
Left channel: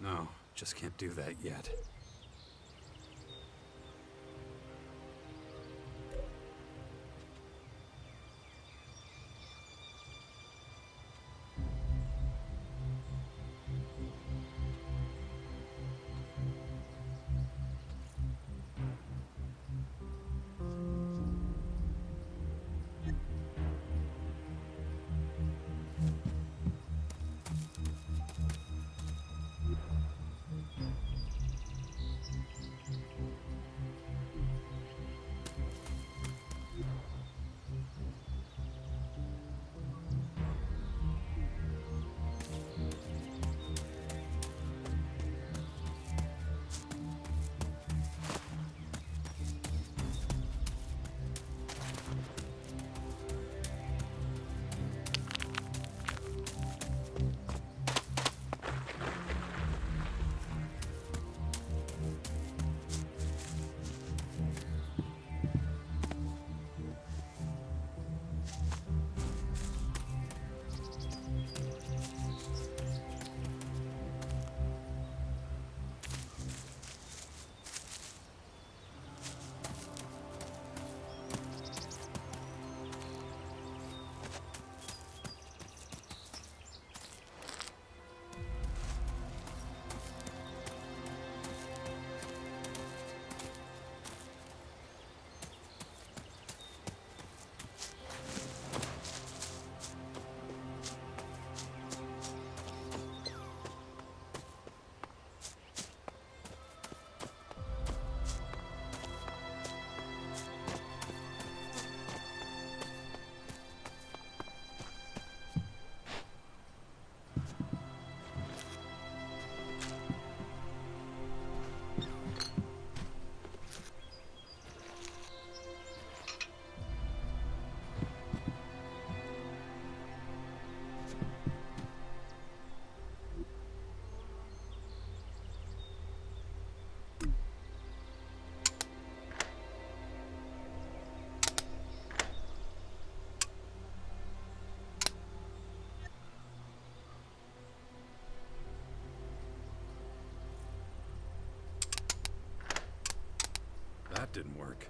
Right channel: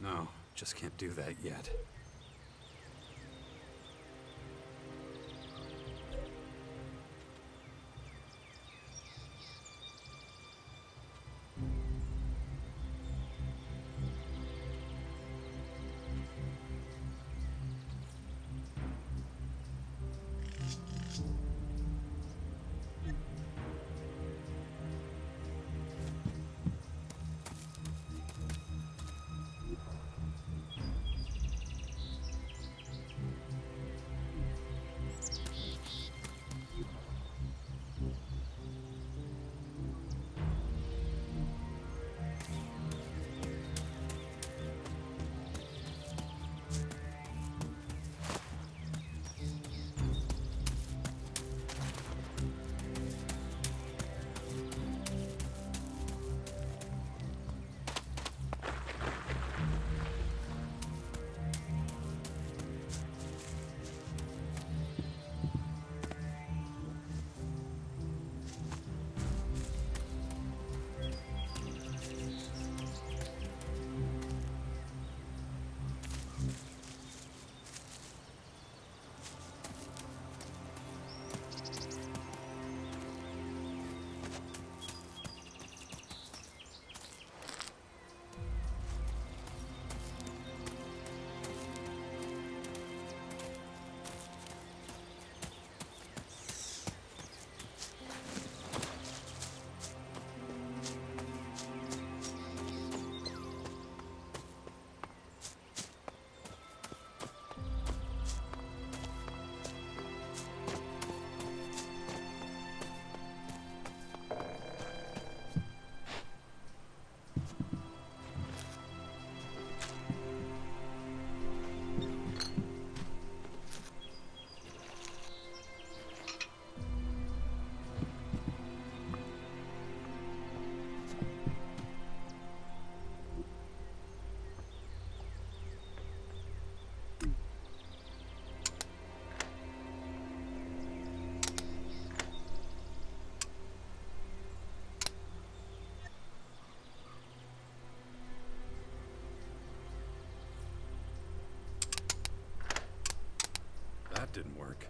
No, just can't do that yet. didn't work.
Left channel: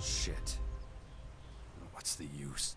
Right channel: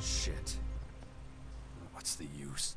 Shit. What's the use?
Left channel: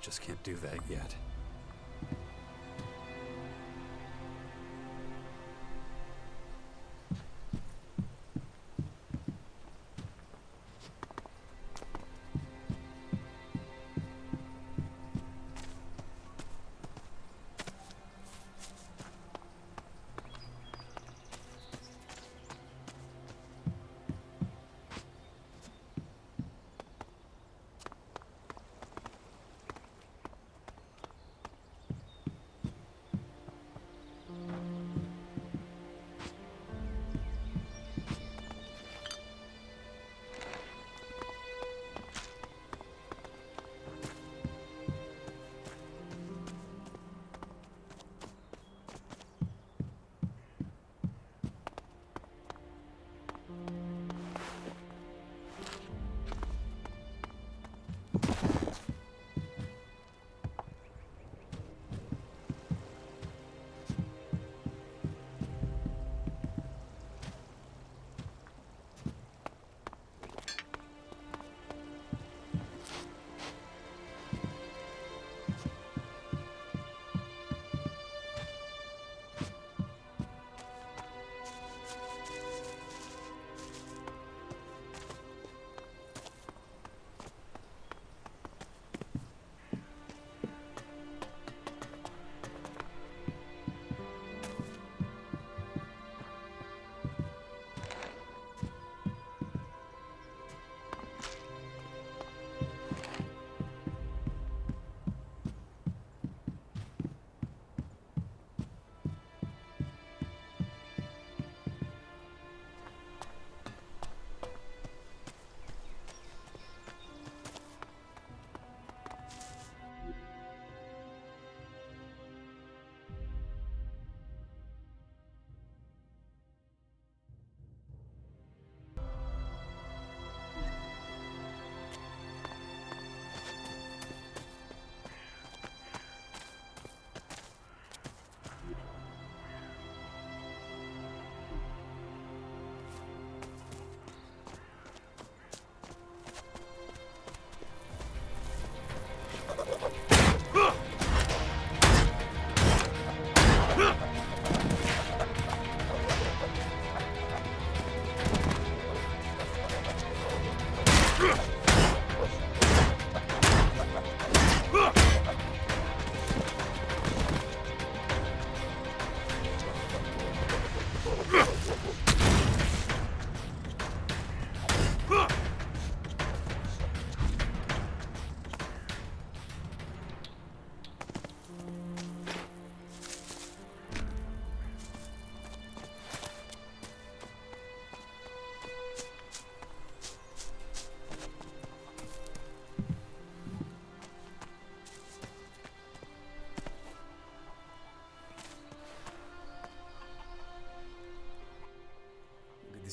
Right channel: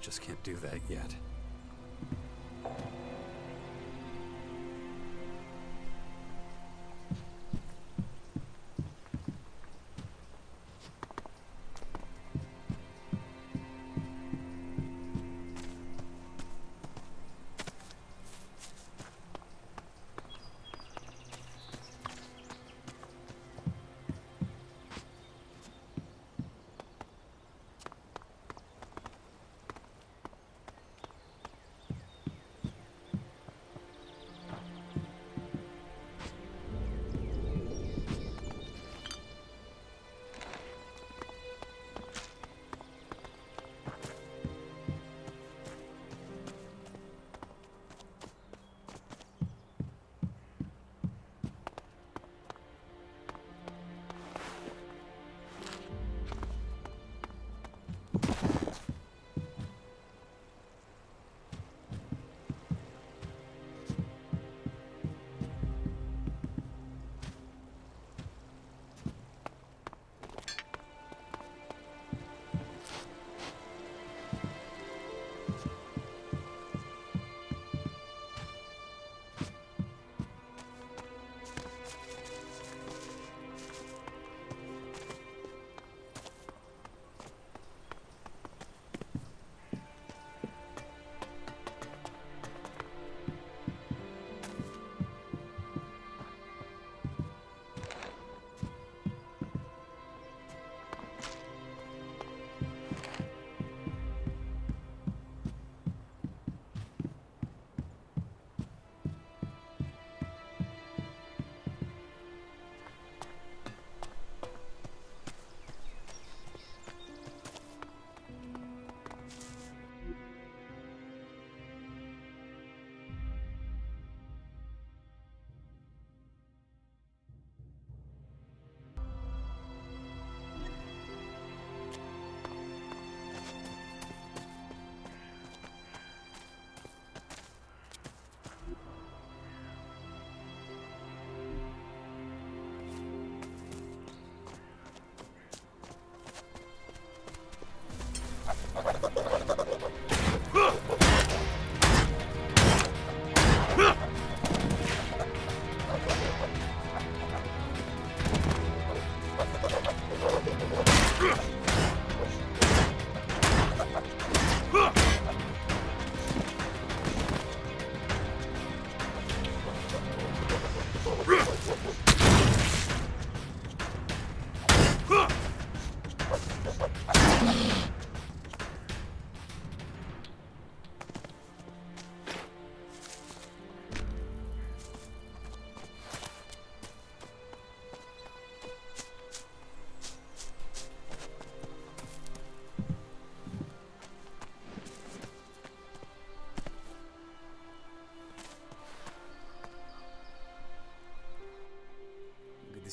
Just can't do that yet.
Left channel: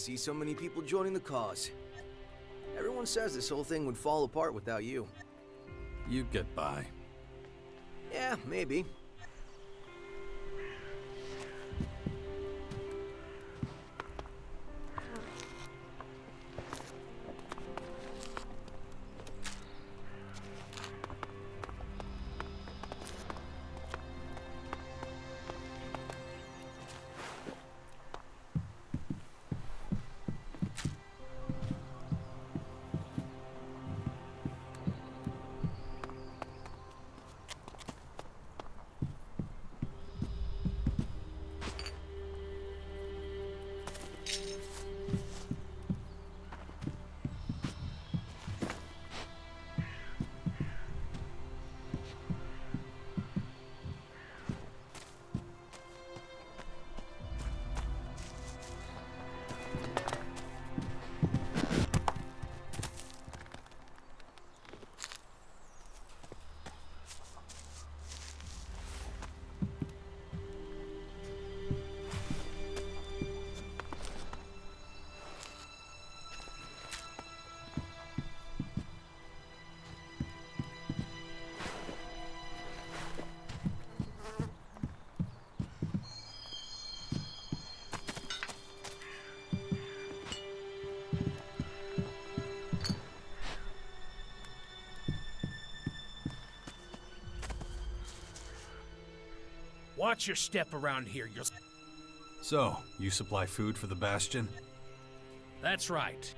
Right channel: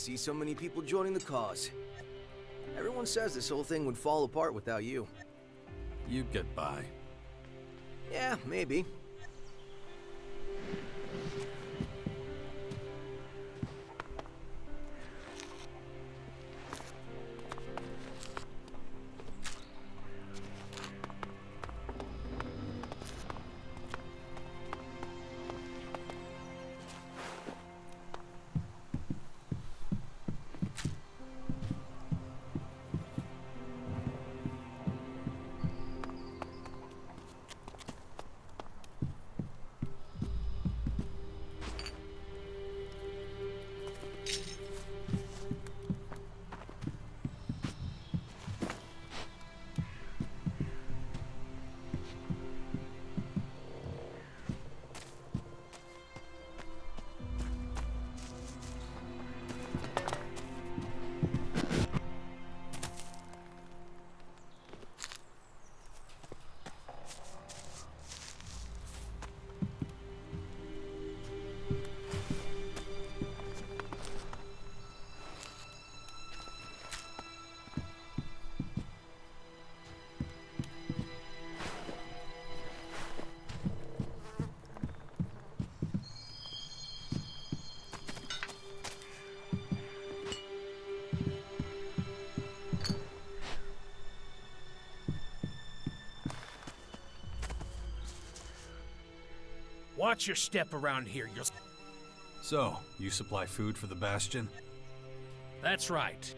see so many people joining the cause. Everyone says this whole thing would fall apart without you. You'd get by. Yeah, maybe. Watch your step around here. You'll... So, you supply food for the Bastion? That's right.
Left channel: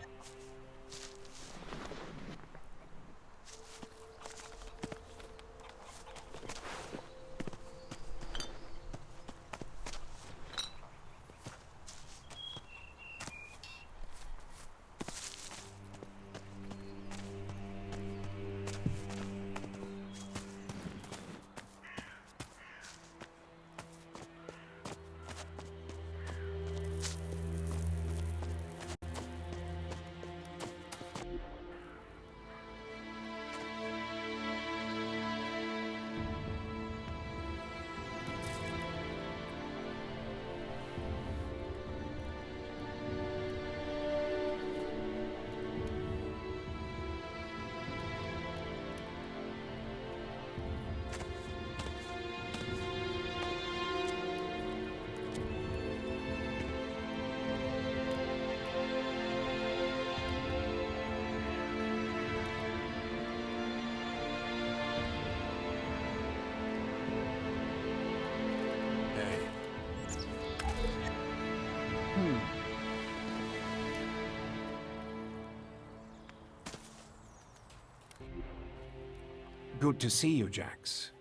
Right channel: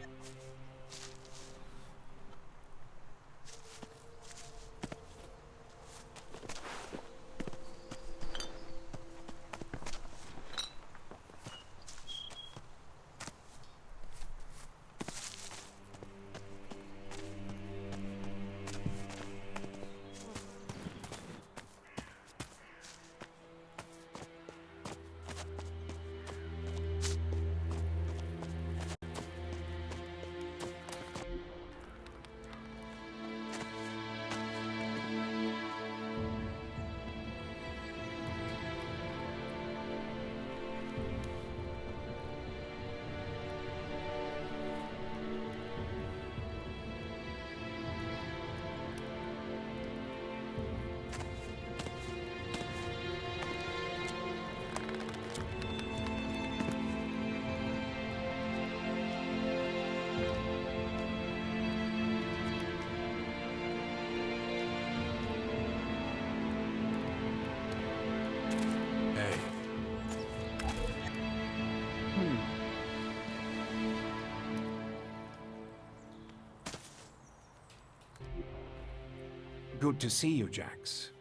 Good to see you, Jax.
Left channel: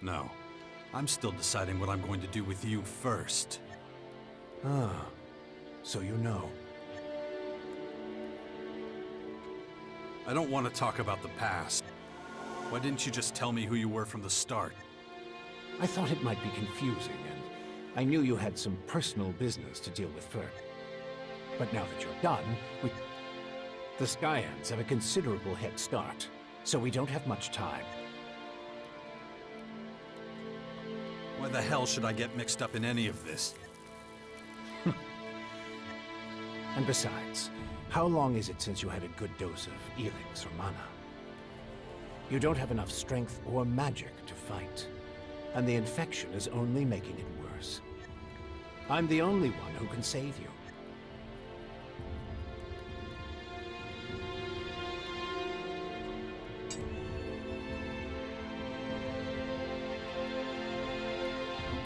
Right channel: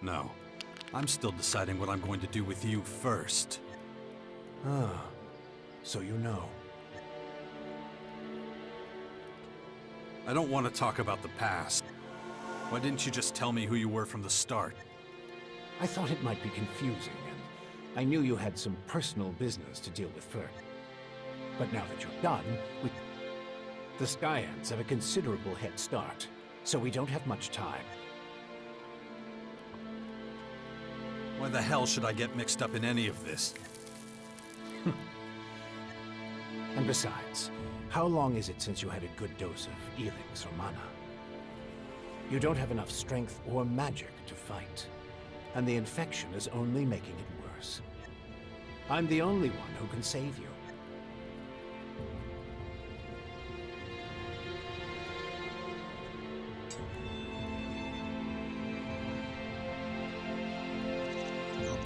No. I'm still deciding what I'm going to do with you first. Ah, so you know. I don't want to talk about the past. Why didn't you just tell me who you were from the start? I thought it might be confusing, and I knew you had some personal business to deal with first. But now that you're done, the Skyands have a considerable head start, so we don't have much time. Why the hell should I get mixed up in any of this? And besides, how long is it since you had a good dose of ELEX or mana? You don't have enough strength or magic to fight, and the infection is only making it worse. I'm the only one who can save you.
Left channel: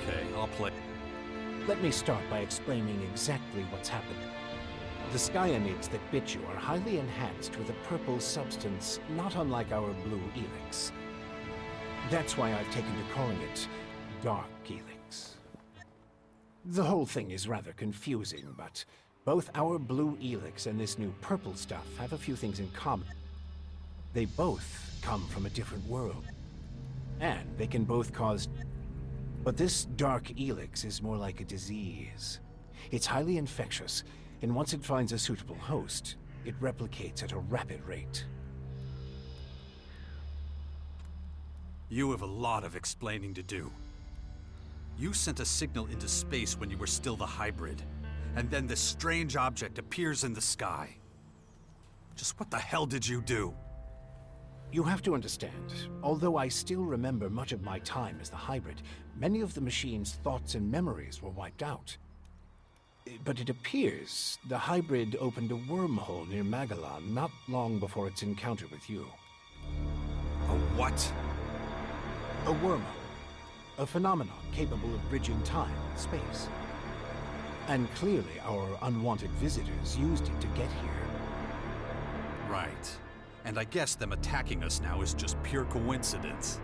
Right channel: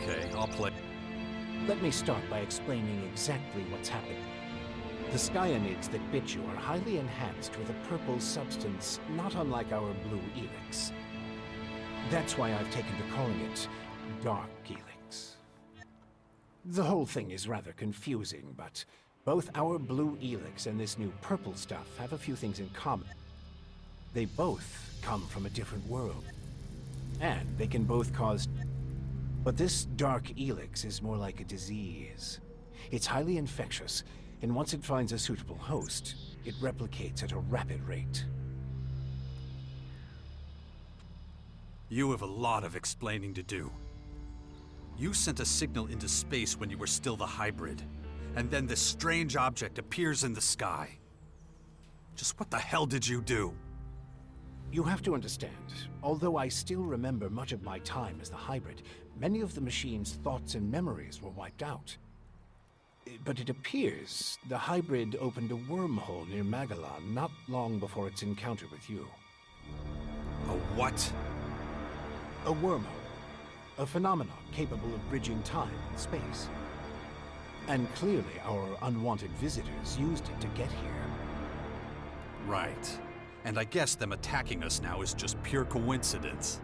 Okay, I'll play. Let me start by explaining exactly what's happened. The Skyanids that bit you are highly enhanced with a purple substance not unlike our blue ELEX. That's why I've taken to calling it Dark ELEX. The whole thing is rather confusing, but both our blue ELEX and this new purple stuff have a few things in common. They both come from a different world, and they can both cause... But this Dark ELEX is more like a disease. It's highly infectious, and once it finds a suitable host, it replicates at a rapid rate. You have a lot of explaining to do. You sent a signal into space when you were still the hybrid, and then this strange object appears in the sky. Just what the hell did you do? You have to understand, although I still remember much of my time as the hybrid, many of the machine's thoughts and memories were wiped out. But it appears the hybrid opened a wormhole near Magalan not long before its encounter with you. A what? A wormhole. A phenomenon capable of bridging time and space. And clearly our unwanted visitors used it to get here. Right. And I guess them attacking us now is just pure coincidence.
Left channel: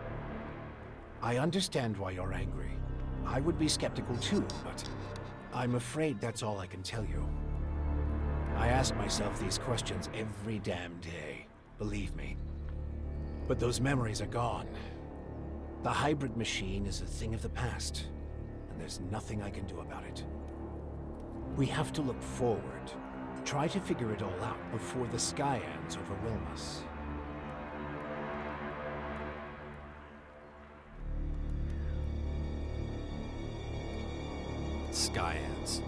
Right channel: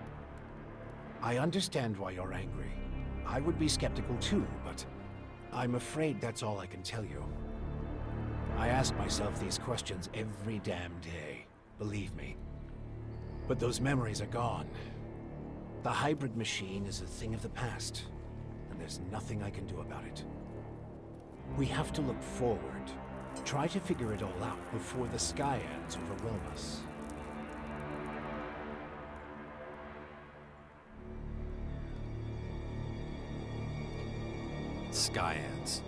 I understand why you're angry. I would be skeptical too, but I'm afraid that's all I can tell you. I ask myself these questions every damn day, believe me. But those memories are gone. The hybrid machine is a thing of the past, and there's nothing I can do about it. We have to look forward, try to figure it all out before the Skyands overwhelm us. Skyands.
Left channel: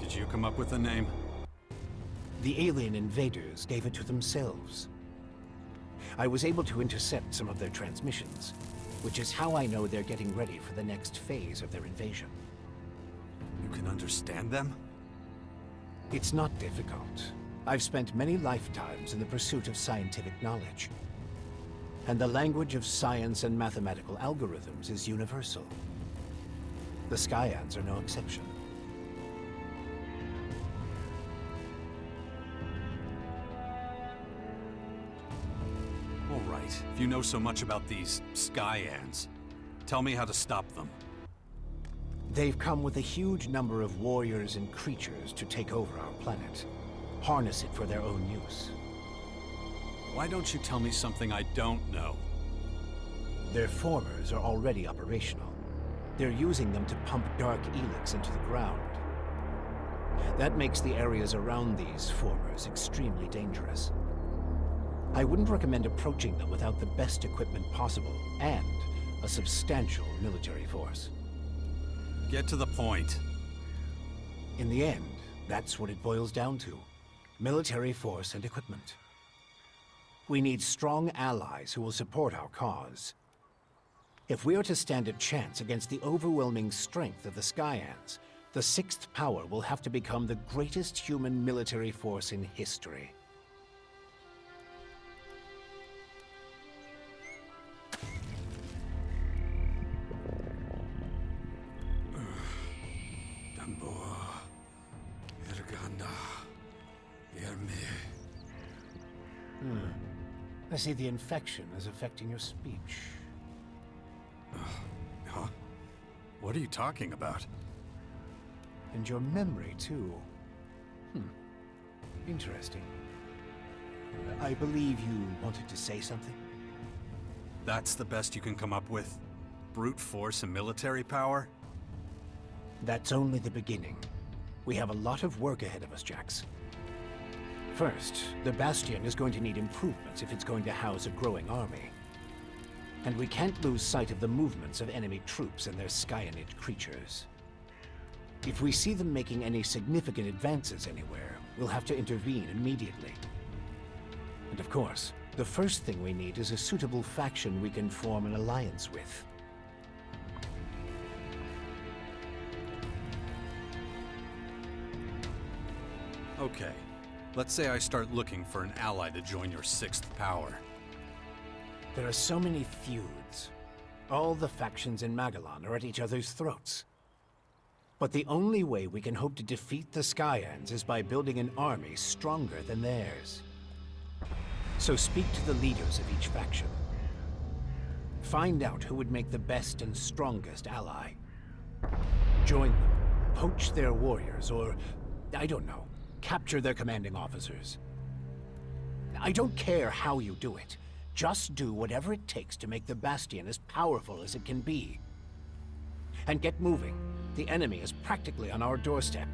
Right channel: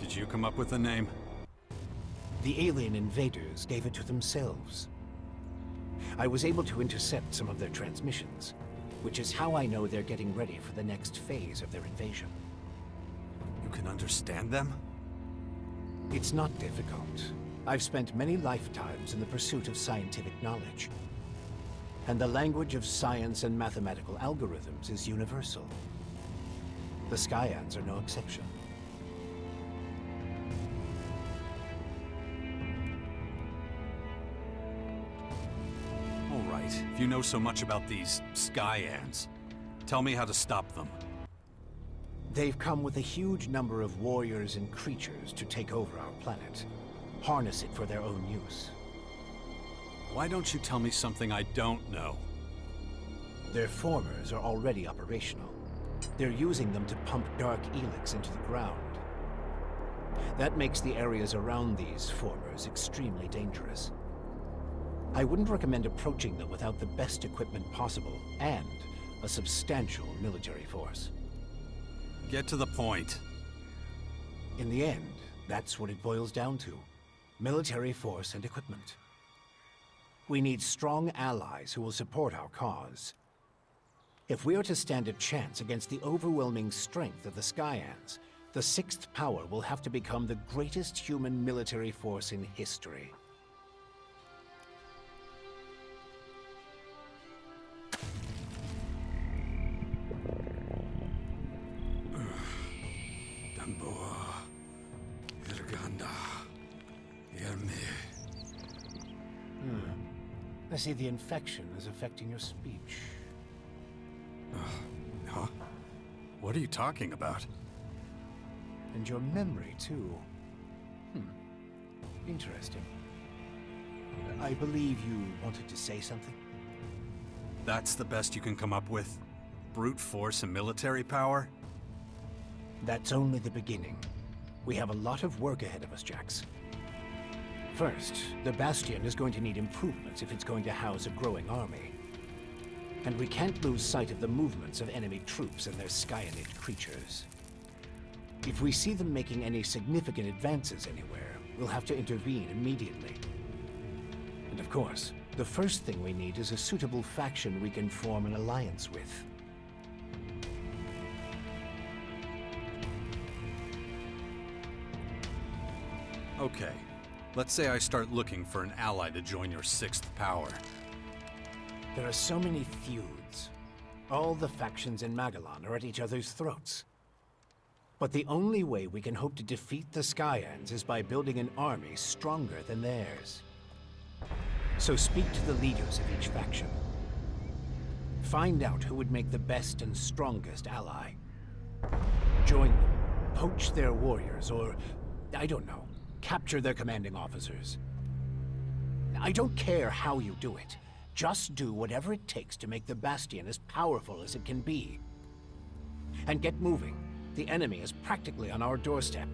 Did you come up with the name? The alien invaders gave it to themselves. I was able to intercept some of their transmissions, which is how I know they're getting ready for the next phase of their invasion. You can understand them? It's not difficult. I've spent many lifetimes in the pursuit of scientific knowledge. And the language of science and mathematical algorithms is universal. The Skyands are no exception. All right, if you know so much about these Skyands, tell me how to stop them. They've come with a huge number of warriors and creatures to take over our planet. Harness it for their own use. Why don't you tell me something I don't know? Their formers are already operational. They're using them to pump dark ELEX into the ground. That makes the areas around these formers extremely dangerous. I wouldn't recommend approaching them without the best equipment possible, and a substantial military force. Get to the point. In the end, that's what it boils down to. Military force and equipment. We need strong allies who will support our cause. If we are to stand a chance against the overwhelming strength of the Skyands, the Sixth Power will have to become the greatest human military force in history. I see the infection is affecting your speech. Huh? What are you talking about? And your memory, too. Interesting. I believe you wanted to say something? That's the best you can come up with? Brute force and military power? That's only the beginning. We have a lot of work ahead of us, Jax. First, the Bastion is going to need improvements if it's going to house a growing army. And we can't lose sight of the movements of enemy troops and their Skyanid creatures. If we see them making any significant advances anywhere, we'll have to intervene immediately. And of course, the first thing we need is a suitable faction we can form an alliance with. Okay. Let's say I start looking for an ally to join your Sixth Power. There are so many feuds. All the factions in Magalan are at each other's throats. But the only way we can hope to defeat the Skyands is by building an army stronger than theirs. So speak to the leaders of each faction. Find out who would make the best and strongest ally. Join them, poach their warriors, or, I don't know, capture their commanding officers. I don't care how you do it. Just do whatever it takes to make the Bastion as powerful as it can be. And get moving. The enemy is practically on our doorstep.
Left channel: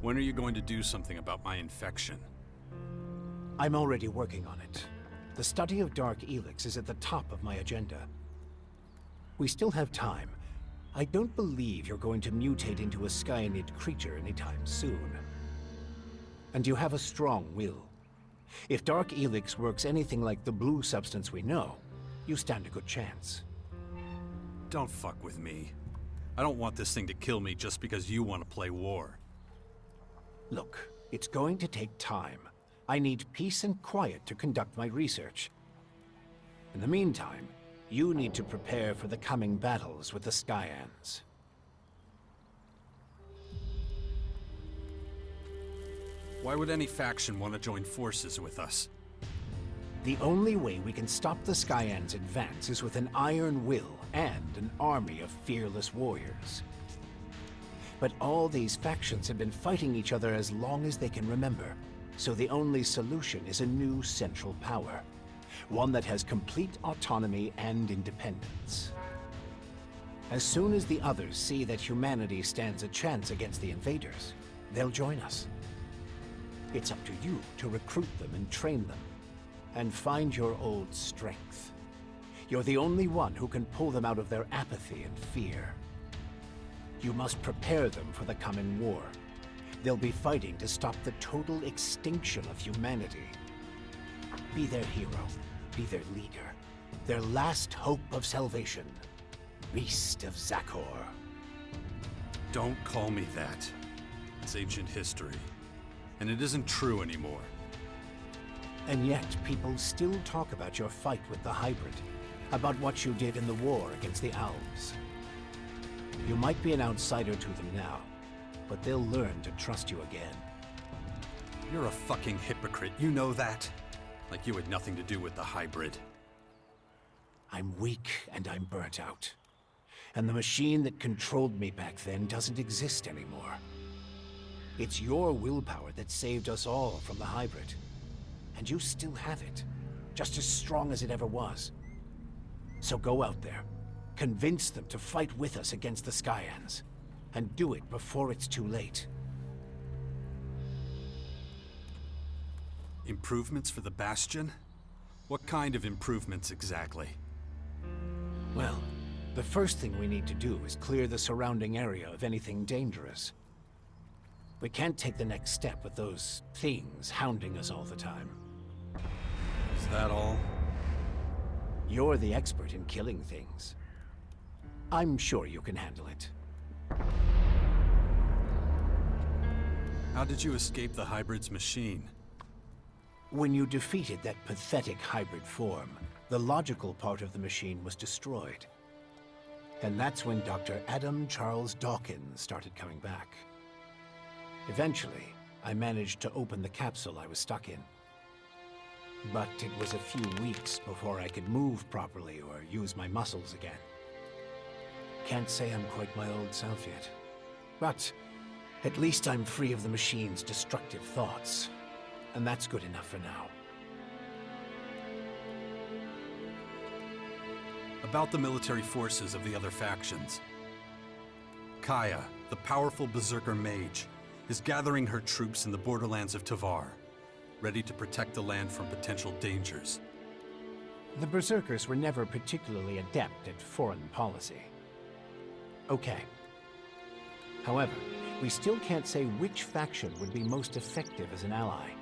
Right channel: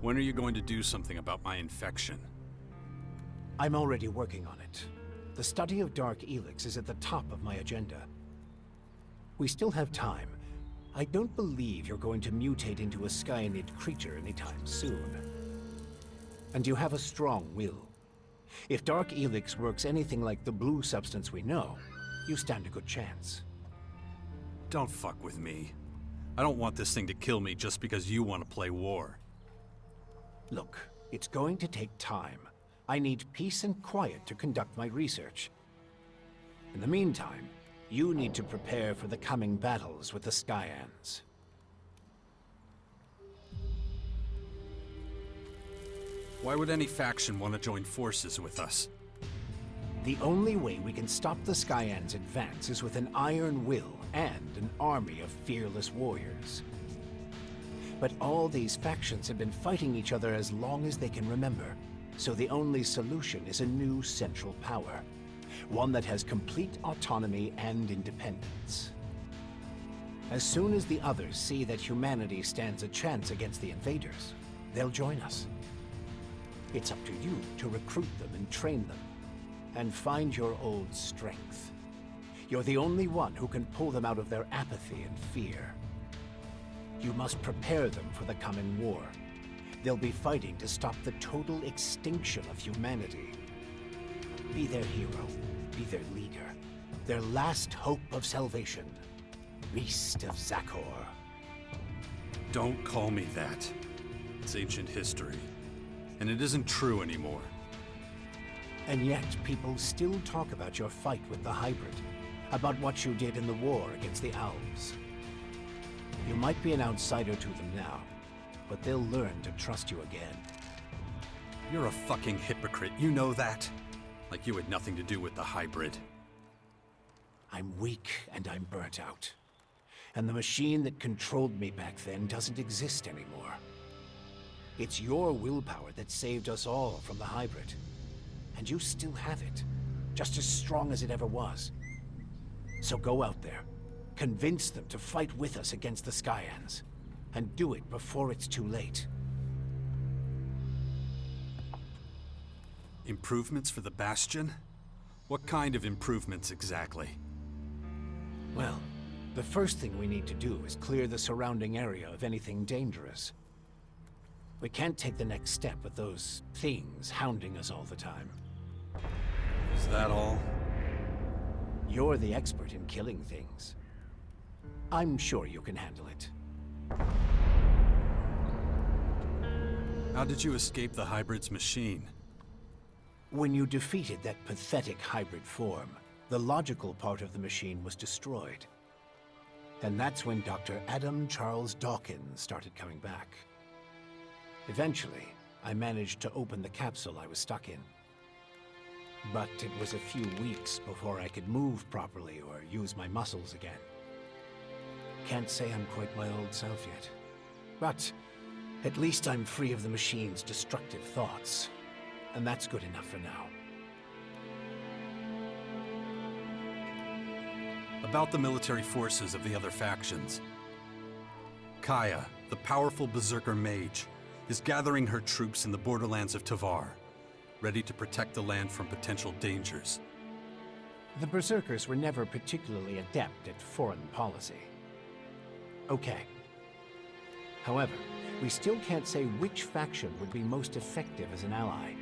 When are you going to do something about my infection? I'm already working on it. The study of dark ELEX is at the top of my agenda. We still have time. I don't believe you're going to mutate into a Skyanid creature anytime soon. And you have a strong will. If Dark ELEX works anything like the blue substance we know, you stand a good chance. Don't fuck with me. I don't want this thing to kill me just because you want to play war. Look, it's going to take time. I need peace and quiet to conduct my research. In the meantime, you need to prepare for the coming battles with the Skyands. Why would any faction want to join forces with us? The only way we can stop the Skyands' advance is with an iron will and an army of fearless warriors. But all these factions have been fighting each other as long as they can remember, so the only solution is a new central power. One that has complete autonomy and independence. As soon as the others see that humanity stands a chance against the invaders, they'll join us. It's up to you to recruit them and train them, and find your old strength. You're the only one who can pull them out of their apathy and fear. You must prepare them for the coming war. They'll be fighting to stop the total extinction of humanity. Be their hero, be their leader, their last hope of salvation. Beast of Zakor. Don't call me that. It's ancient history. And it isn't true anymore. And yet, people still talk about your fight with the hybrid, about what you did in the war against the Elves. You might be an outsider to them now, but they'll learn to trust you again. You're a fucking hypocrite, you know that? Like you had nothing to do with the hybrid. I'm weak and I'm burnt out. And the machine that controlled me back then doesn't exist anymore. It's your willpower that saved us all from the hybrid. And you still have it, just as strong as it ever was. So go out there, convince them to fight with us against the Skyands, and do it before it's too late. Improvements for the Bastion? What kind of improvements exactly? Well, the first thing we need to do is clear the surrounding area of anything dangerous. We can't take the next step with those things hounding us all the time. Is that all? You're the expert in killing things. I'm sure you can handle it. How did you escape the hybrid's machine? When you defeated that pathetic hybrid form, the logical part of the machine was destroyed. And that's when Dr. Adam Charles Dawkins started coming back. Eventually, I managed to open the capsule I was stuck in. But it was a few weeks before I could move properly or use my muscles again. Can't say I'm quite my old self yet. But at least I'm free of the machine's destructive thoughts. And that's good enough for now. About the military forces of the other factions. Kaya, the powerful berserker mage, is gathering her troops in the borderlands of Tavar, ready to protect the land from potential dangers. The berserkers were never particularly adept at foreign policy. Okay. However, we still can't say which faction would be most effective as an ally.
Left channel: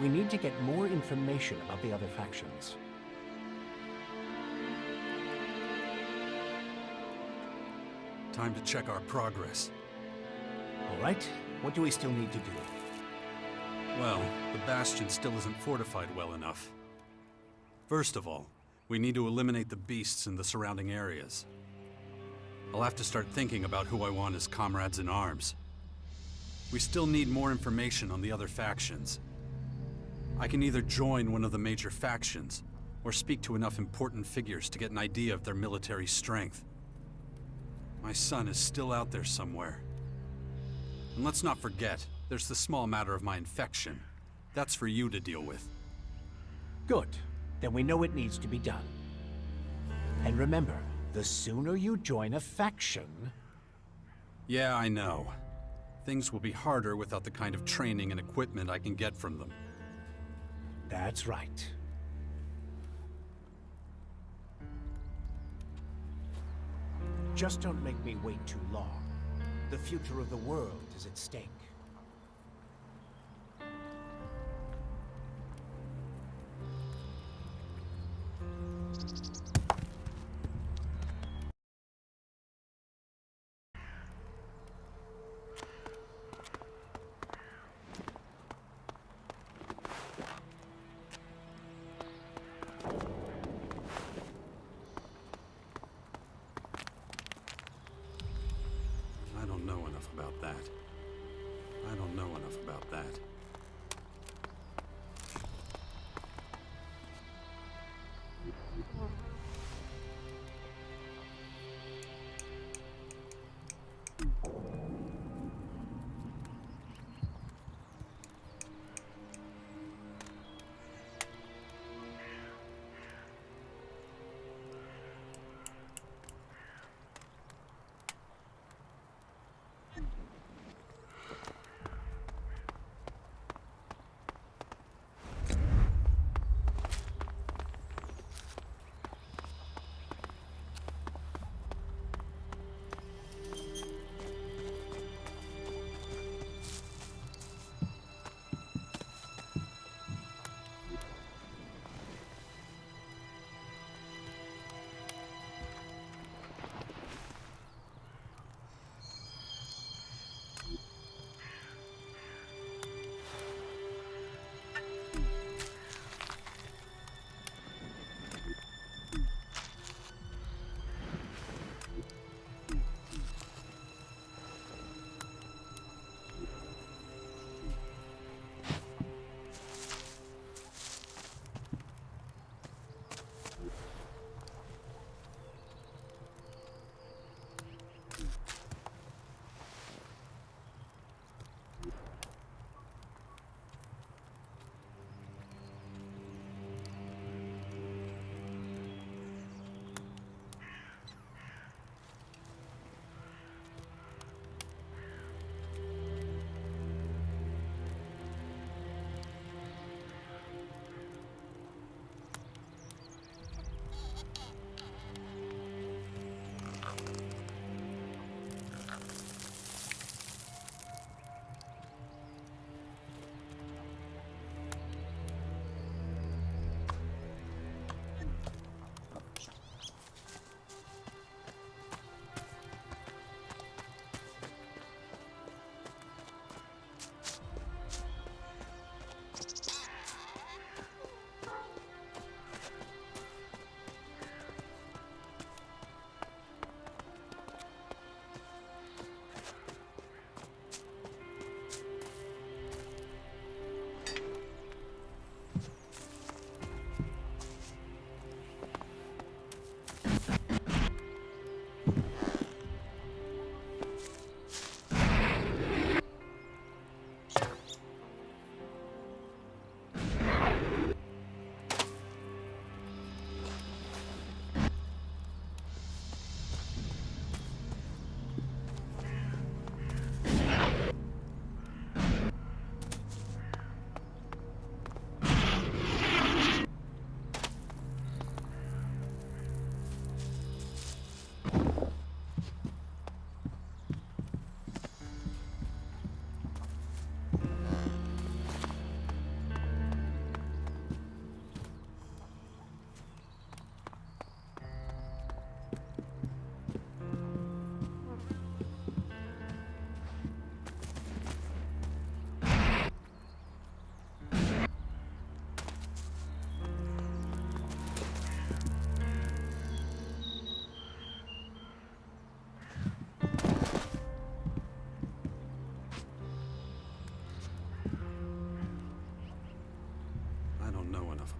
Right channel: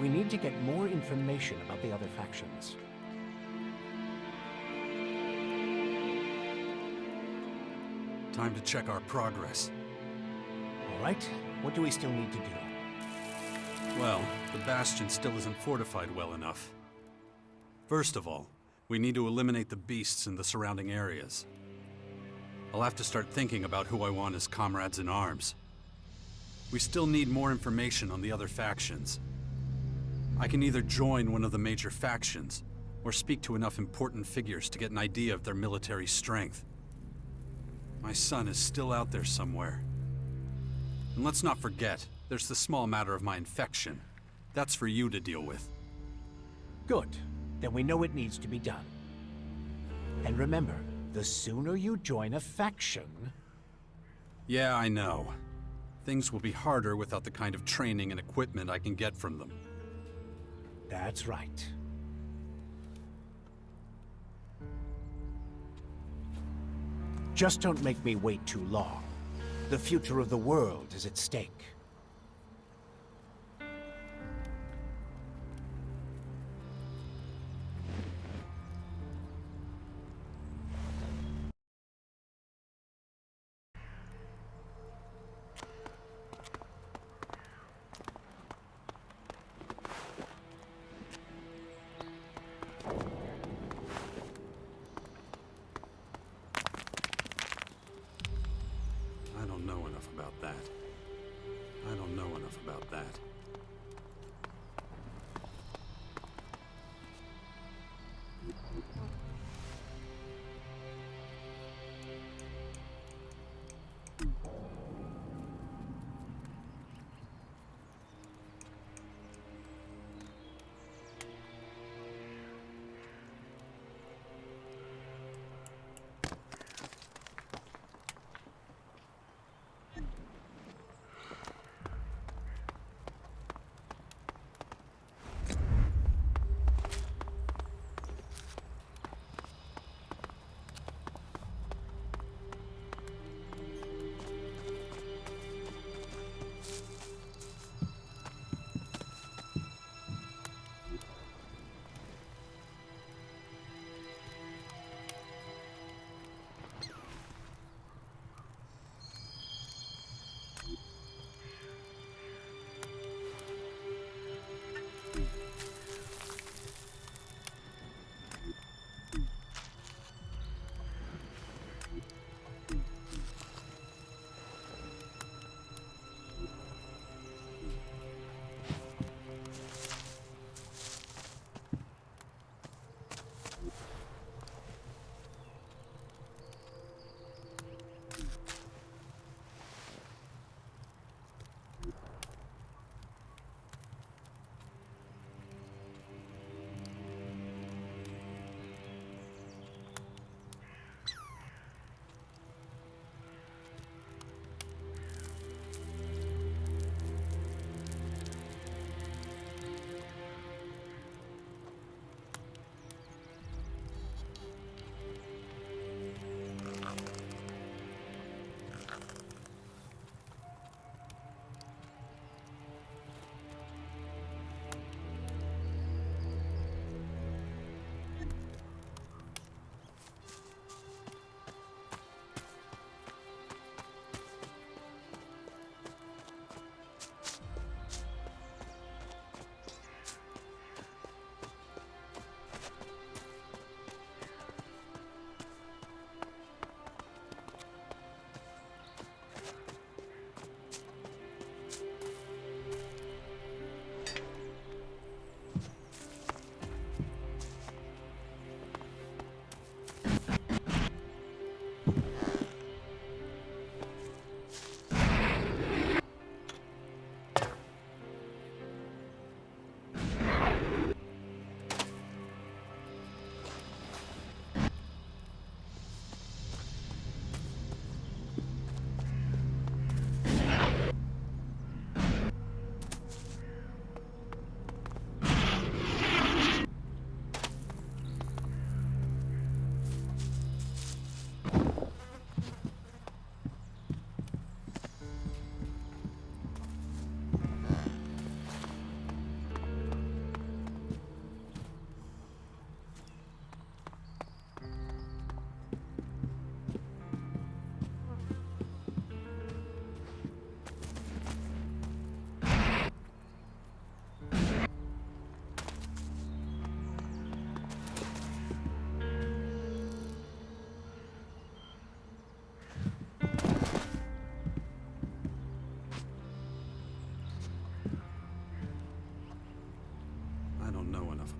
We need to get more information about the other factions. Time to check our progress. All right, what do we still need to do? Well, the Bastion still isn't fortified well enough. First of all, we need to eliminate the beasts in the surrounding areas. I'll have to start thinking about who I want as comrades in arms. We still need more information on the other factions. I can either join one of the major factions, or speak to enough important figures to get an idea of their military strength. My son is still out there somewhere. And let's not forget, there's the small matter of my infection. That's for you to deal with. Good. Then we know it needs to be done. And remember, the sooner you join a faction... Yeah, I know. Things will be harder without the kind of training and equipment I can get from them. That's right. Just don't make me wait too long. The future of the world is at stake. I don't know enough about that. I don't know enough about that.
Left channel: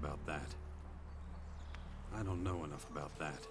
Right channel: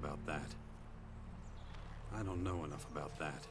About that. I don't know enough about that.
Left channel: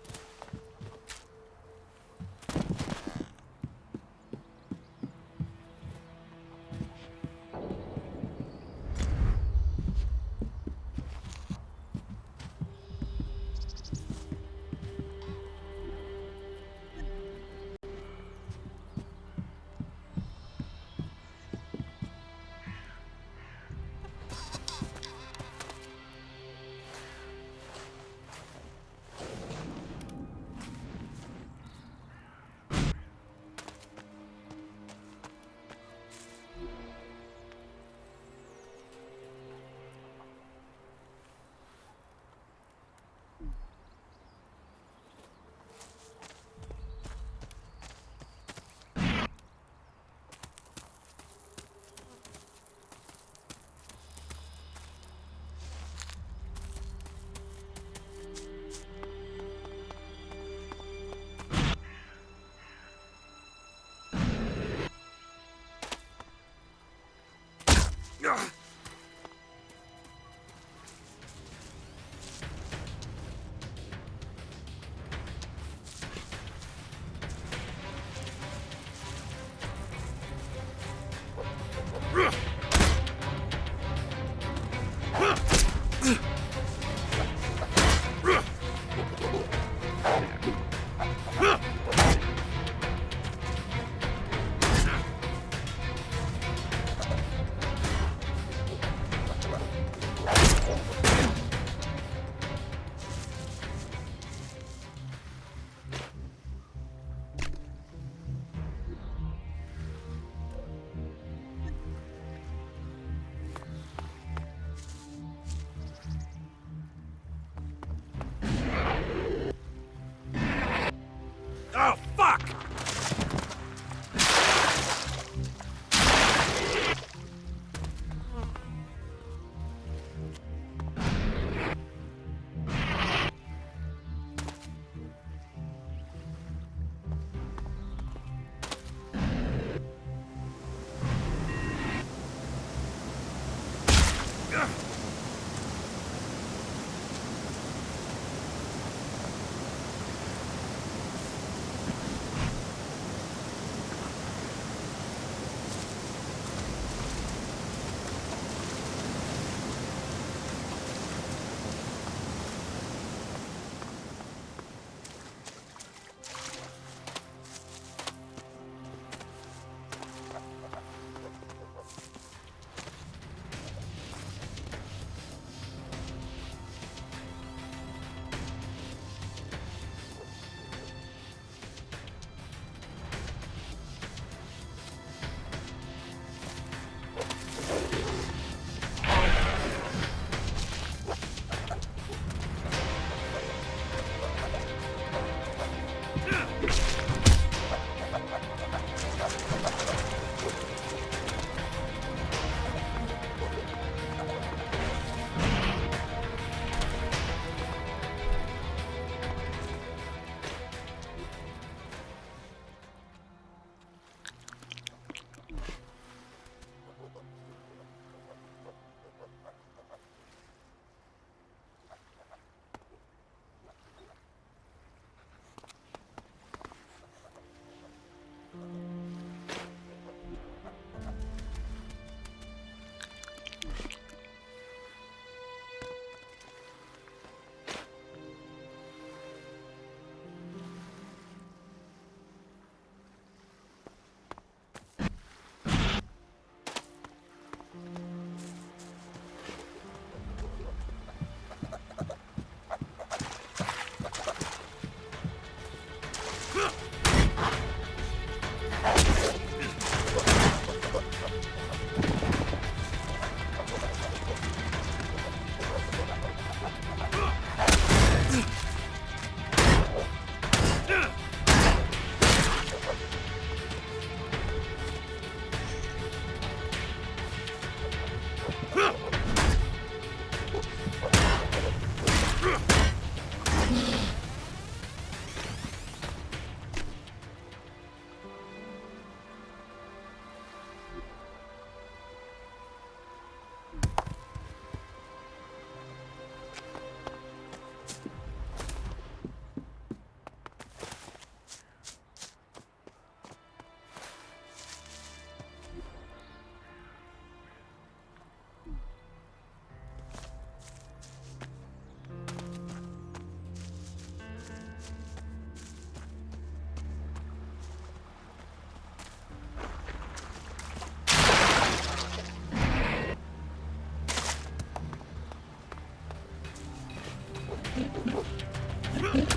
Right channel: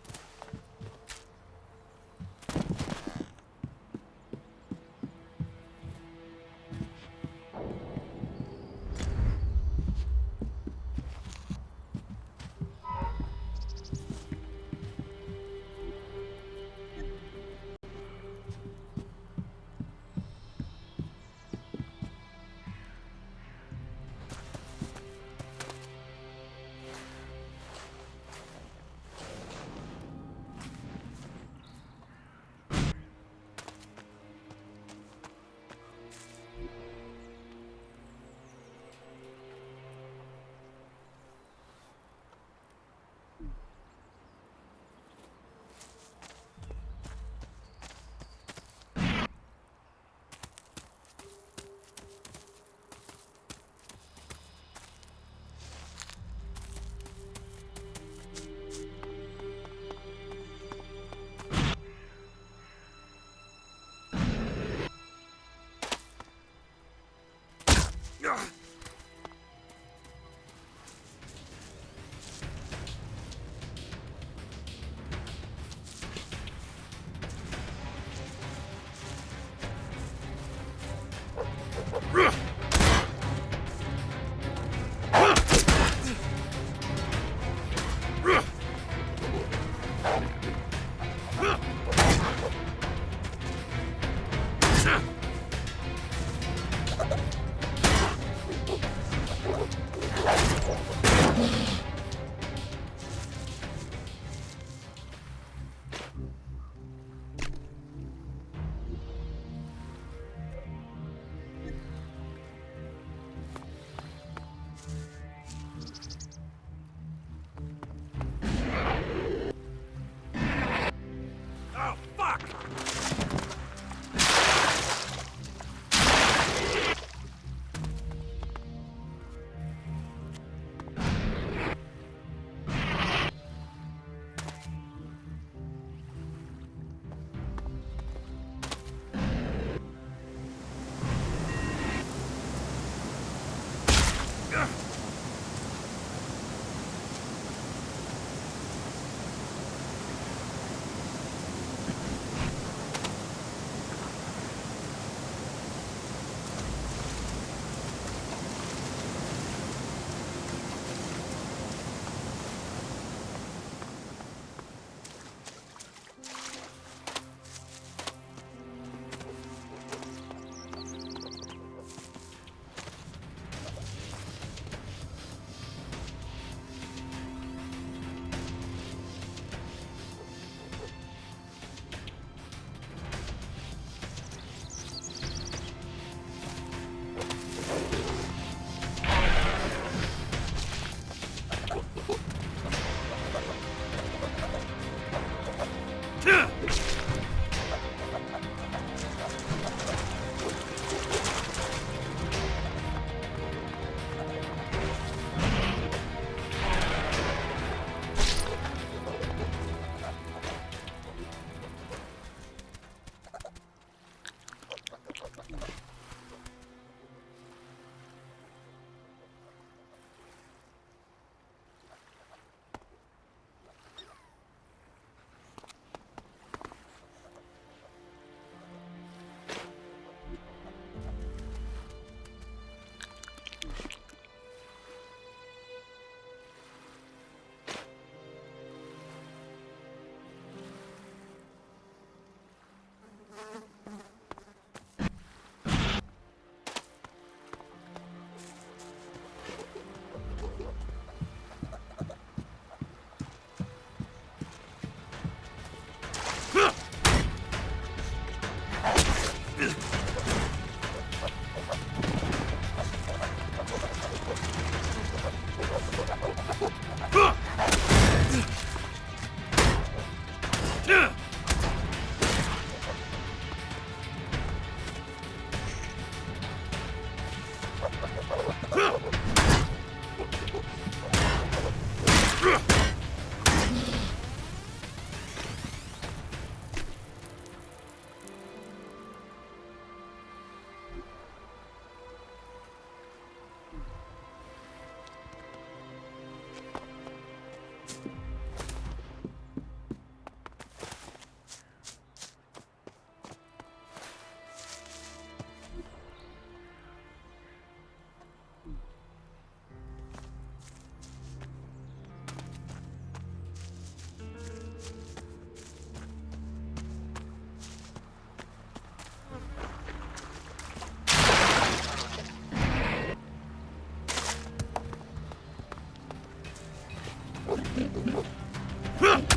Huh?